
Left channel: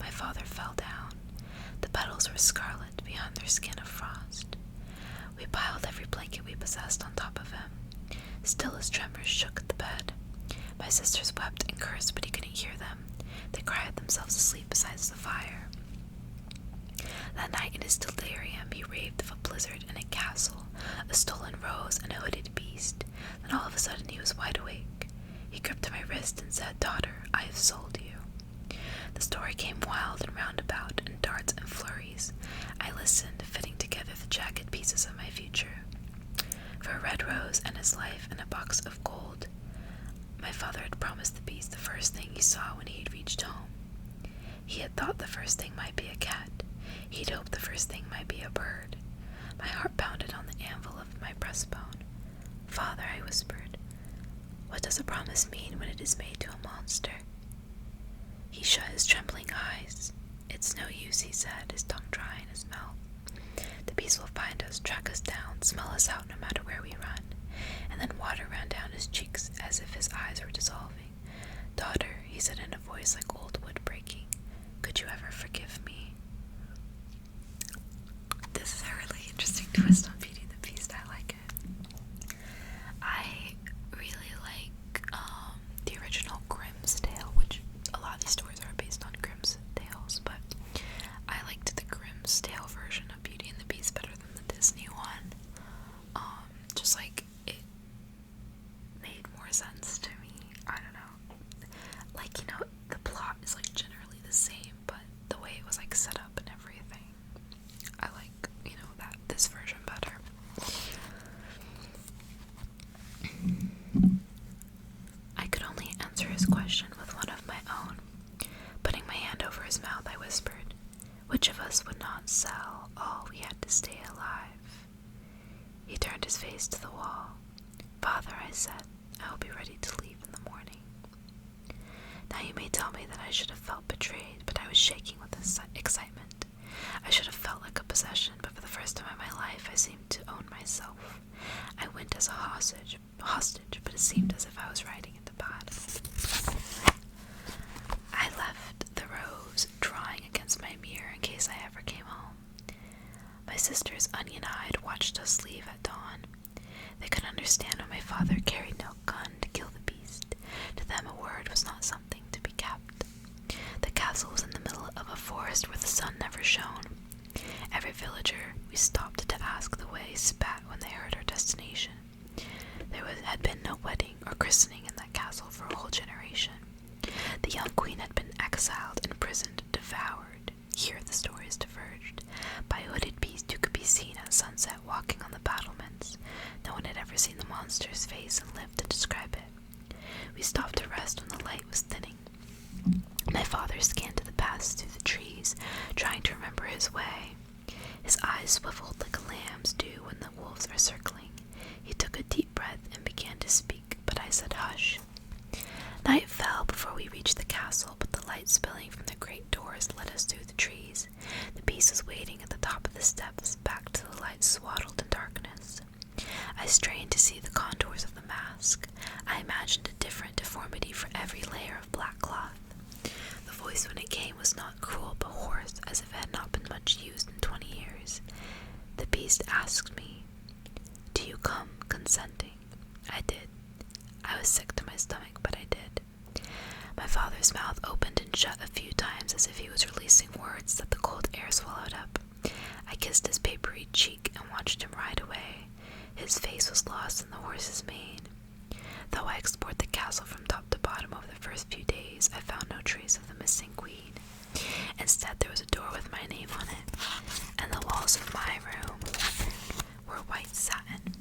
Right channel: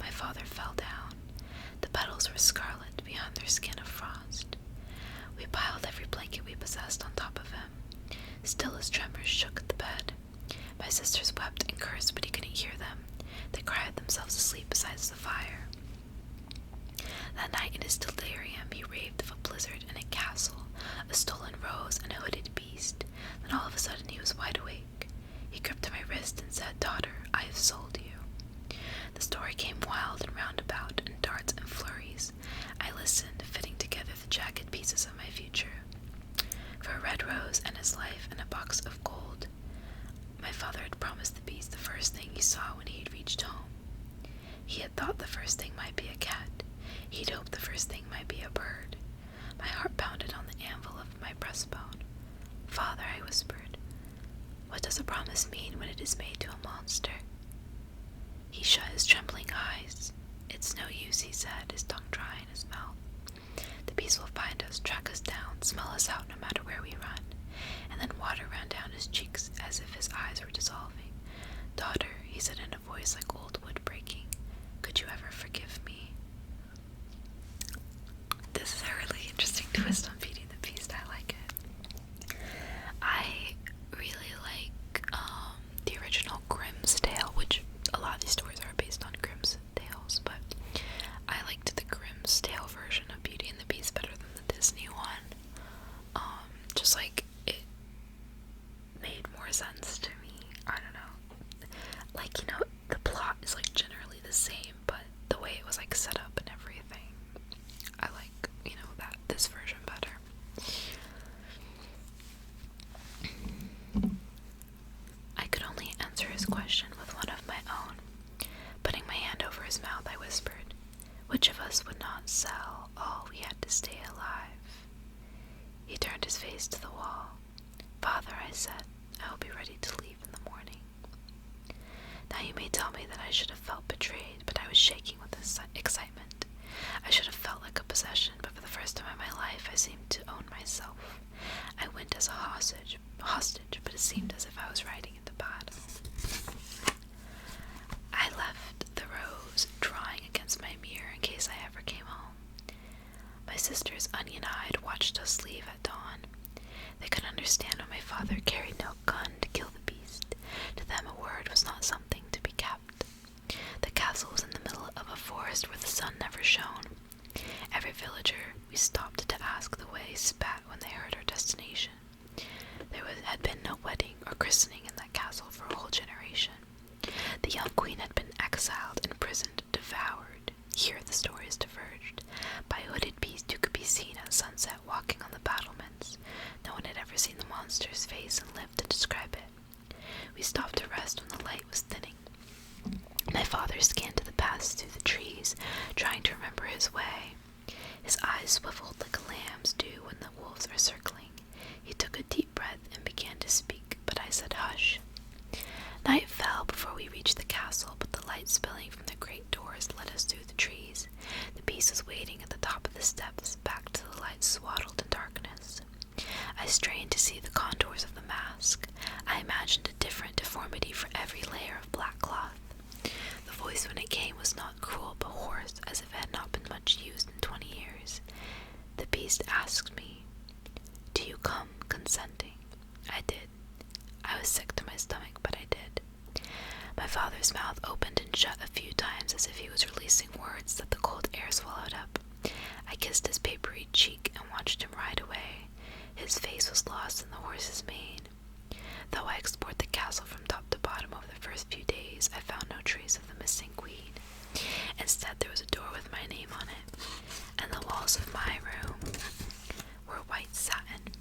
My father fell down. The petals were scarlet beyond their skin of frost. We piled every blanket we possessed on top of him. Still his tremors shook the bed. My sisters wept and cursed, but he couldn't hear them. They cried themselves asleep beside the fire. That night in his delirium, he raved of a blizzard and a castle, a stolen rose and a hooded beast. Then all of a sudden he was wide awake. He gripped my wrist and said, "Daughter, I have sold you." The story came wild and roundabout, in darts and flurries. I listened, fitting together the jagged pieces of my future. For a red rose and his life and a box of gold, my father had promised the beast the first thing he saw when he had reached home. He had thought the first thing might be a cat. He'd hoped the first thing might be a bird. My heart pounded on the anvil of my breastbone. "Father," I whispered, What does a promise mean when it is made to a monster? He shut his trembling eyes. It's no use, he said, his tongue dry in his mouth. The beast will find us, track us down, smell us out no matter where we run. And then water ran down his cheeks as if his eyes were dissolving. Daughter, he said in a voice like old wood breaking, could you ever forgive me? This is a really interesting twist on Beauty and the Beast. I like it. I really like the original Grimm's Tale, which a lot of these stories are based on Grimm's Tales, but I liked the Grimm's Tale version of Beauty and the Beast better than the Disney one. Just like it made more sense to me. I don't know. Like, you know, the plot is like generally the same, but the way it was like set up and everything, I like, you know, this version better. I could only answer his question with one of my own. Putting my hand over his mouth, I whispered, which of us would not sell all we had to stay alive? He turned his face to the wall. Father, I said, I will be ready to leave in the morning. Now you may tell me that I should have felt betrayed, but I was shaking with excitement. I should have felt like a possession, but for the first time in my life I seemed to own myself. I went as a hostage, but it seemed as if I was riding into battle. I left the rose drying against my mirror in case I ever came home. My sisters, onion-eyed, watched us leave at dawn. They could understand why my father carried no gun to kill the beast. To them a word was not something to be kept. The castle was in the middle of a forest where the sun never shone. Every villager we stopped to ask the way spat when they heard our destination. There had been no wedding or christening in that castle for a whole generation. The young queen had been exiled, imprisoned, devoured. Here the stories diverged. By a hooded beast who could be seen at sunset walking on the battlements. No one had ever seen the monster's face and lived to describe it. We stopped to rest when the light was thinning. My father scanned the paths through the trees, trying to remember his way. His eyes swiveled like a lamb's do when the wolves are circling. He took a deep breath and began to speak, but I said hush. Night fell before we reached the castle, but the light spilling from the great doors led us through the trees. The beast was waiting at the top of the steps, back to the light swaddled in darkness. I strained to see the contours of the mask. I imagined a different deformity for every layer of black cloth. The voice when it came was not cruel but hoarse, as if it had not been much used in 20 years. The beast asked me, "Do you come consenting?" I did. I was sick to my stomach, but I did. My father's mouth opened and shut a few times as if he was releasing words that the cold air swallowed up. I kissed his papery cheek and watched him ride away. His face was lost in the horse's mane. Though I explored the castle from top to bottom over the first few days, I found no trace of the missing queen. Instead, there was a door with my name on it, and the walls of my room were white satin.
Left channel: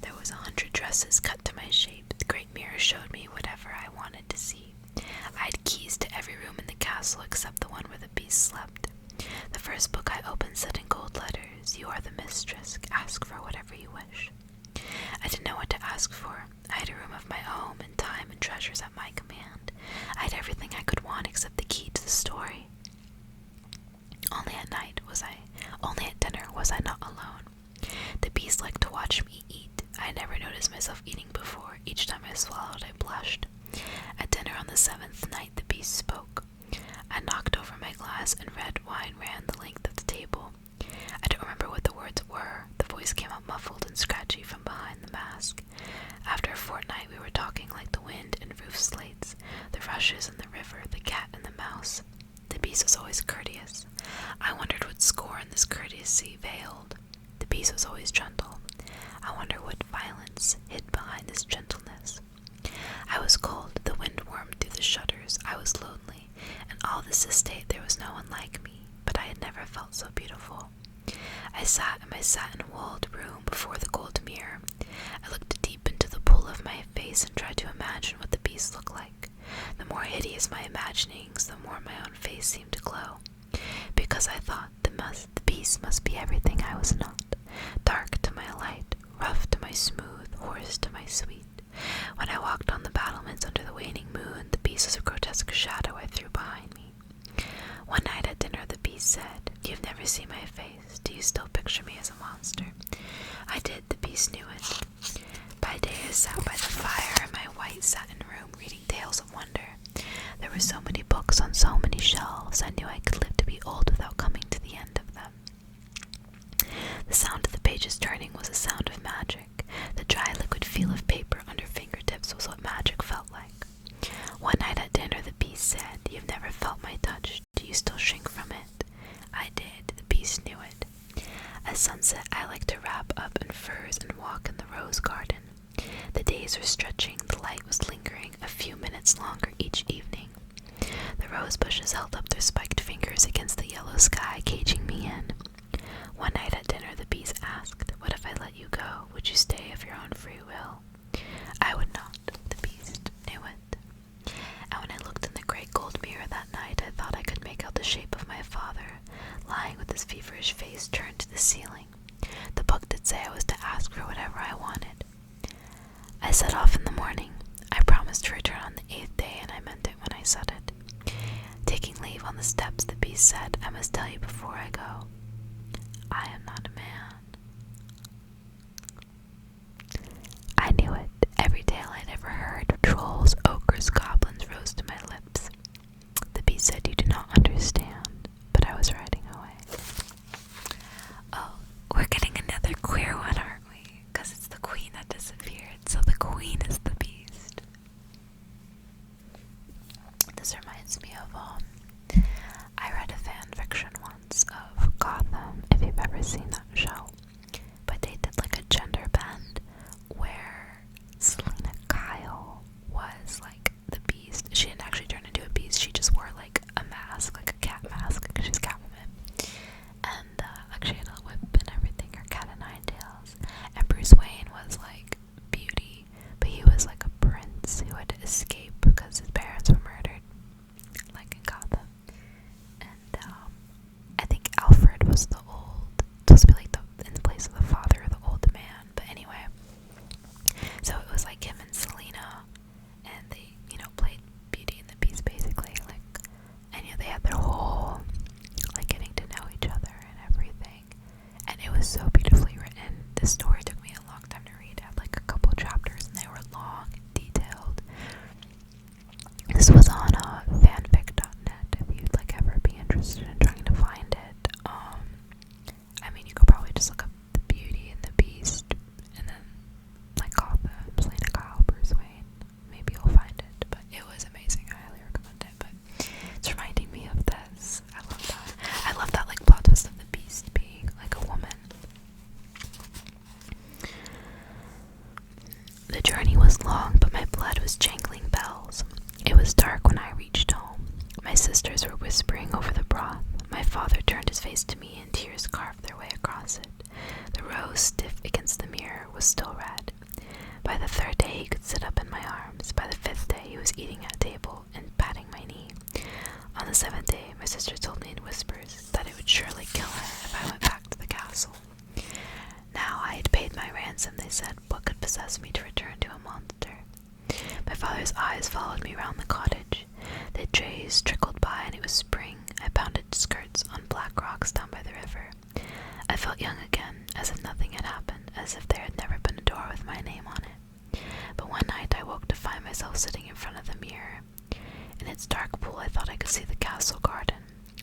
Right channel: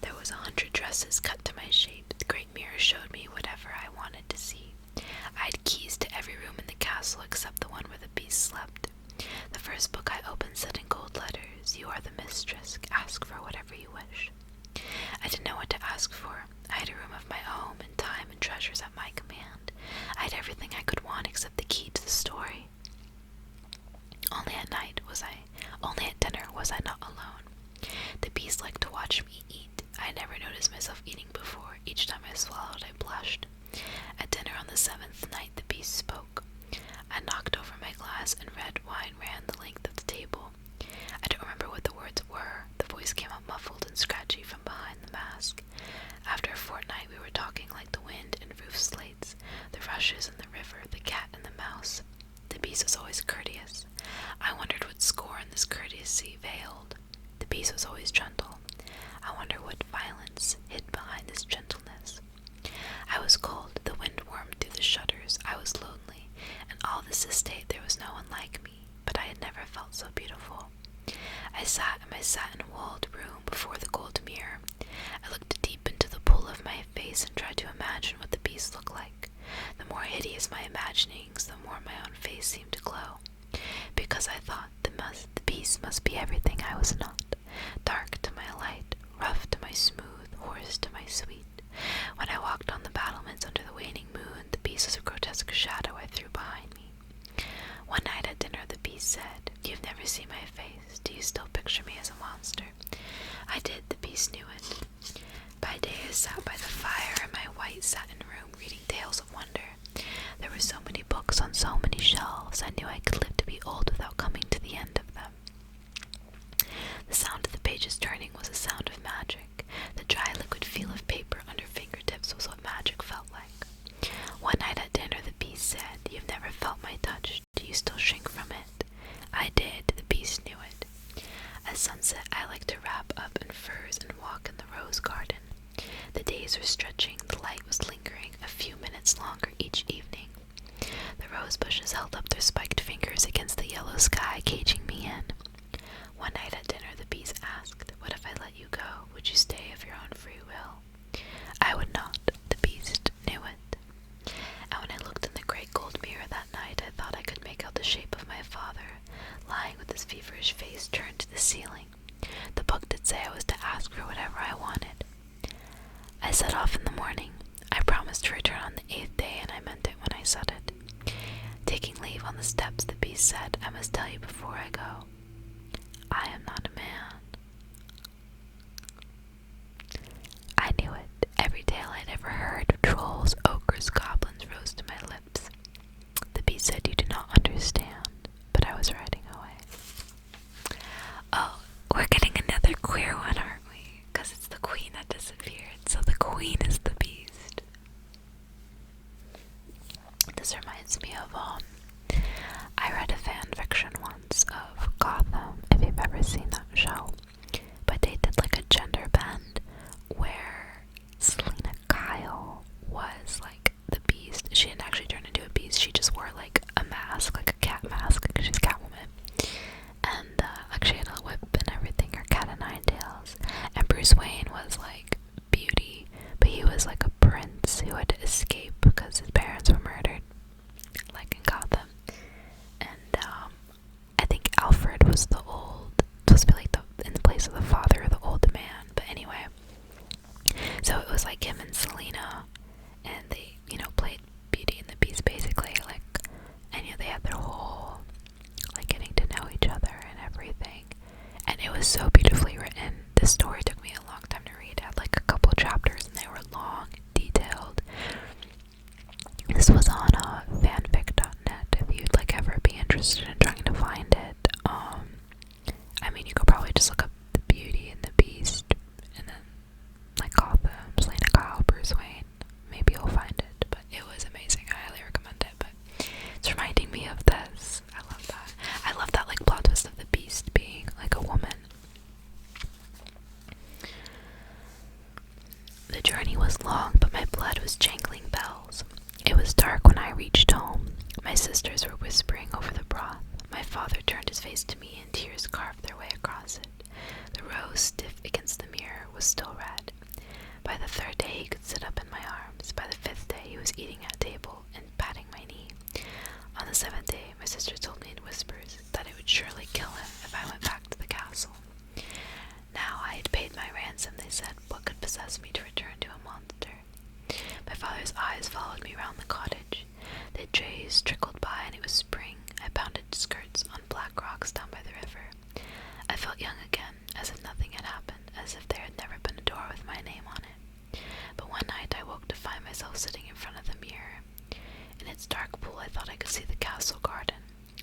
There was 100 dresses cut to my shape. The great mirror showed me whatever I wanted to see. I had keys to every room in the castle except the one where the beast slept. The first book I opened said in gold letters, "You are the mistress. Ask for whatever you wish." I didn't know what to ask for. I had a room of my own, and time and treasures at my command. I had everything I could want except the key to the story. Only at dinner was I not alone. The beast liked to watch me eat. I had never noticed myself eating before. Each time I swallowed, I blushed. At dinner on the 7th night, the beast spoke. I knocked over my glass, and red wine ran the length of the table. I don't remember what the words were. The voice came up muffled and scratchy from behind the mask. After a fortnight, we were talking like the wind and roof slates, the rushes and the river, the cat and the mouse. The beast was always courteous. I wondered what scorn this courtesy veiled. The beast was always gentle. I wonder what violence hid behind this gentleness. I was cold, the wind warmed through the shutters. I was lonely. In all this estate there was no one like me, but I had never felt so beautiful. I sat in my satin-walled room before the gold mirror. I looked deep into the pool of my face and tried to imagine what the beast looked like. The more hideous my imaginings, the more my own face seemed to glow. Because I thought the beast must be everything I was not. Dark to my light, rough to my smooth, hoarse to my sweet. When I walked on books on so many shelves, I knew I could live to be old without coming to the end of them. The sound of the pages turning was a sound of magic. The dry liquid feel of paper under fingertips was what magic felt like. One night at dinner, the beast said, "You've never felt my touch. Do you still shrink from it?" I did. The beast knew it. At sunset, I liked to wrap up in furs and walk in the rose garden. The days were stretching, the light was lingering a few minutes longer each evening. The rose bushes held up their spiked fingers against the yellow sky, caging me in. One night at dinner, the beast asked, "What if I let you go? Would you stay of your own free will?" I would not. The beast knew it. And when I looked in the great gold mirror that night, I thought I could make out the shape of my father, lying with his feverish face turned to the ceiling. The book did say I was to ask for whatever I wanted. I set off in the morning. I promised to return on the 8th day, and I meant it when I said it. Taking leave on the steps, the beast said, "I must tell you before I go, I am not a man." I knew it. Every tale I'd ever heard of trolls, ogres, goblins rose to my lips. The beast said, "You do not understand," but I was riding away. Oh, we're getting another queer one, aren't we? Because it's the queen that disappeared, so the queen is the beast. This reminds me of, I read a fan fiction once of Gotham, if you've ever seen that show, but they did like a gender bend where Selena Kyle was like the beast. She didn't actually turn into a beast, she just wore like a mask, like a cat mask, because she's Catwoman, and like she had a whip and everything, her cat o' nine tails. And Bruce Wayne was like Beauty, but he was like a prince who had to escape because his parents were murdered, like in Gotham. And I think Alfred was the old, supposed to be like in the place of the father or the old man. But anyway, so it was like him and Selena, and they, played Beauty and the Beast basically, like, and they had their whole, like, getting to know each other and everything. And it was so beautifully written. This story took me a long time to read. It had like a couple chapters, and they were long, detailed. This was on fanfic.net if you'd like ever be interested in trying to find it. I mean, you could probably just look up the Beauty and the Beast, and then like Gotham, Selena Kyle, Bruce Wayne. Maybe you'll find it, but it was amazing. I highly recommend it. But it's reminding me of this. I love that. I love that like plot twist of the Beast being like a woman. The journey was long, but my blood was jangling bells. It was dark when I reached home. My sisters were whispering over the broth. My father turned his face to me, and tears carved their way across it. The rose, stiff against the mirror, was still red. By the 3rd day, he could sit up in my arms. By the 5th day, he was eating at table and patting my knee. On the 7th day, my sister told me in whispers that it would surely kill him if I went back to the castle. Now I had paid my ransom, they said. What could possess me to return to a monster? My father's eyes followed me round the cottage. The days trickled by, and it was spring. I pounded skirts on black rocks down by the river. I felt young again, as if nothing had happened, as if there had never been a door with my name on it. But one night I woke to find myself sitting in front of the mirror. In its dark pool I thought I could see the castle garden,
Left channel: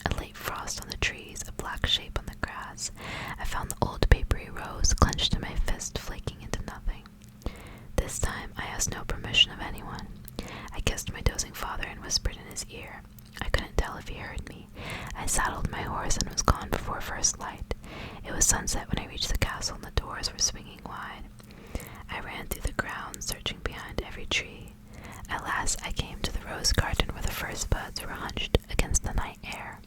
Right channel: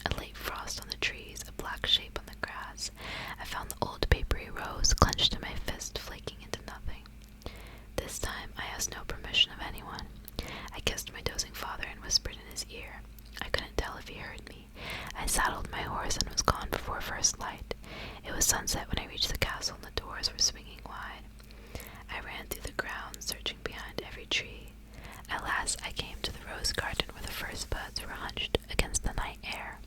a late frost on the trees, a black shape on the grass. I found the old papery rose clenched in my fist, flaking into nothing. This time I asked no permission of anyone. I kissed my dozing father and whispered in his ear. I couldn't tell if he heard me. I saddled my horse and was gone before first light. It was sunset when I reached the castle, and the doors were swinging wide. I ran through the grounds, searching behind every tree. At last I came to the rose garden where the first buds were hunched against the night air.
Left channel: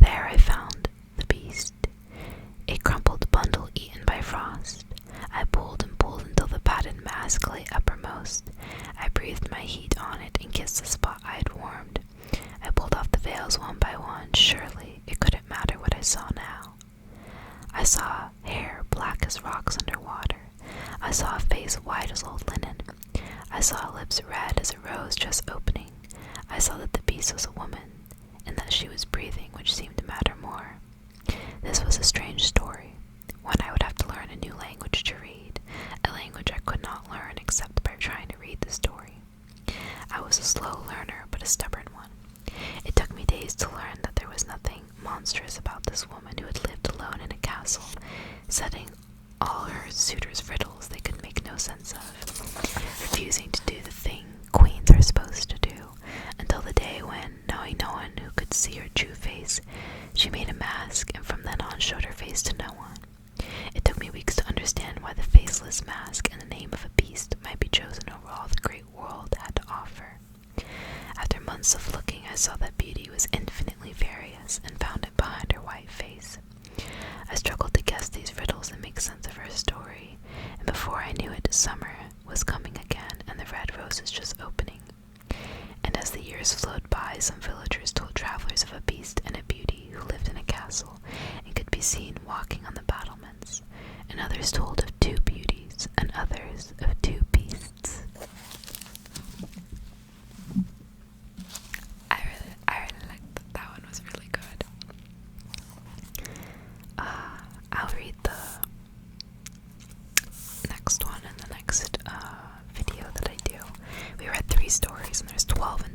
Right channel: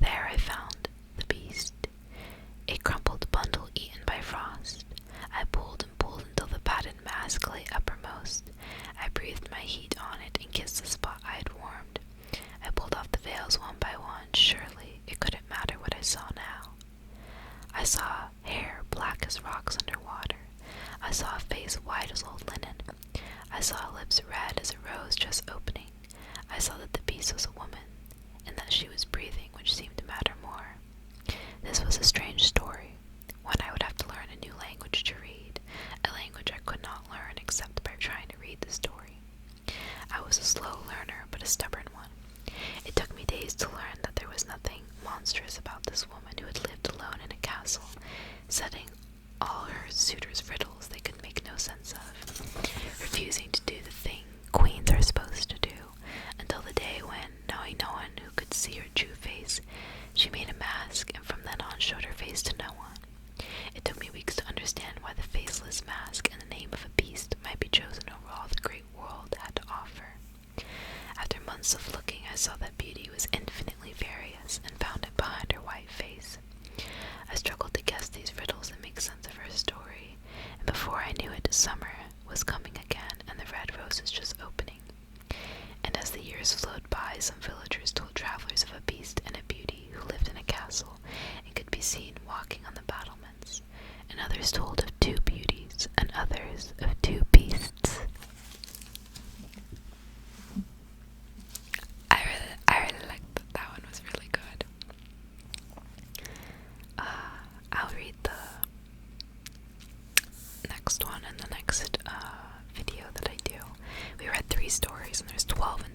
There I found the beast, a crumpled bundle eaten by frost. I pulled and pulled until the padded mask lay uppermost. I breathed my heat on it and kissed the spot I had warmed. I pulled off the veils one by one. Surely it couldn't matter what I saw now. I saw hair black as rocks under water. I saw a face white as old linen. I saw lips red as a rose just opening. I saw that the beast was a woman, and that she was breathing, which seemed to matter more. This was a strange story, one I would have to learn a new language to read, a language I could not learn except by trying to read the story. I was a slow learner, but a stubborn one. It took me days to learn that there was nothing monstrous about this woman who had lived alone in a castle, setting all her suitors riddles they could make no sense of, refusing to do the thing queens are supposed to do, until the day when, knowing no one who could see her true face, she made a mask and from then on showed her face to no one. It took me weeks to understand why the faceless mask and the name of a beast might be chosen over all the great world had to offer. After months of looking, I saw that beauty was infinitely various and found it behind her white face. I struggled to guess these riddles and make sense of her story, and before I knew it, summer was coming again and the red roses just opening. And as the years flowed by, some villagers told travelers of a beast and a beauty who lived in a castle and could be seen walking on the battlements, and others told of 2 beauties and others of 2 beasts. I really liked that. That one was really good. I'll read the next one in the next video that I do. We read 3 stories and there's 12 in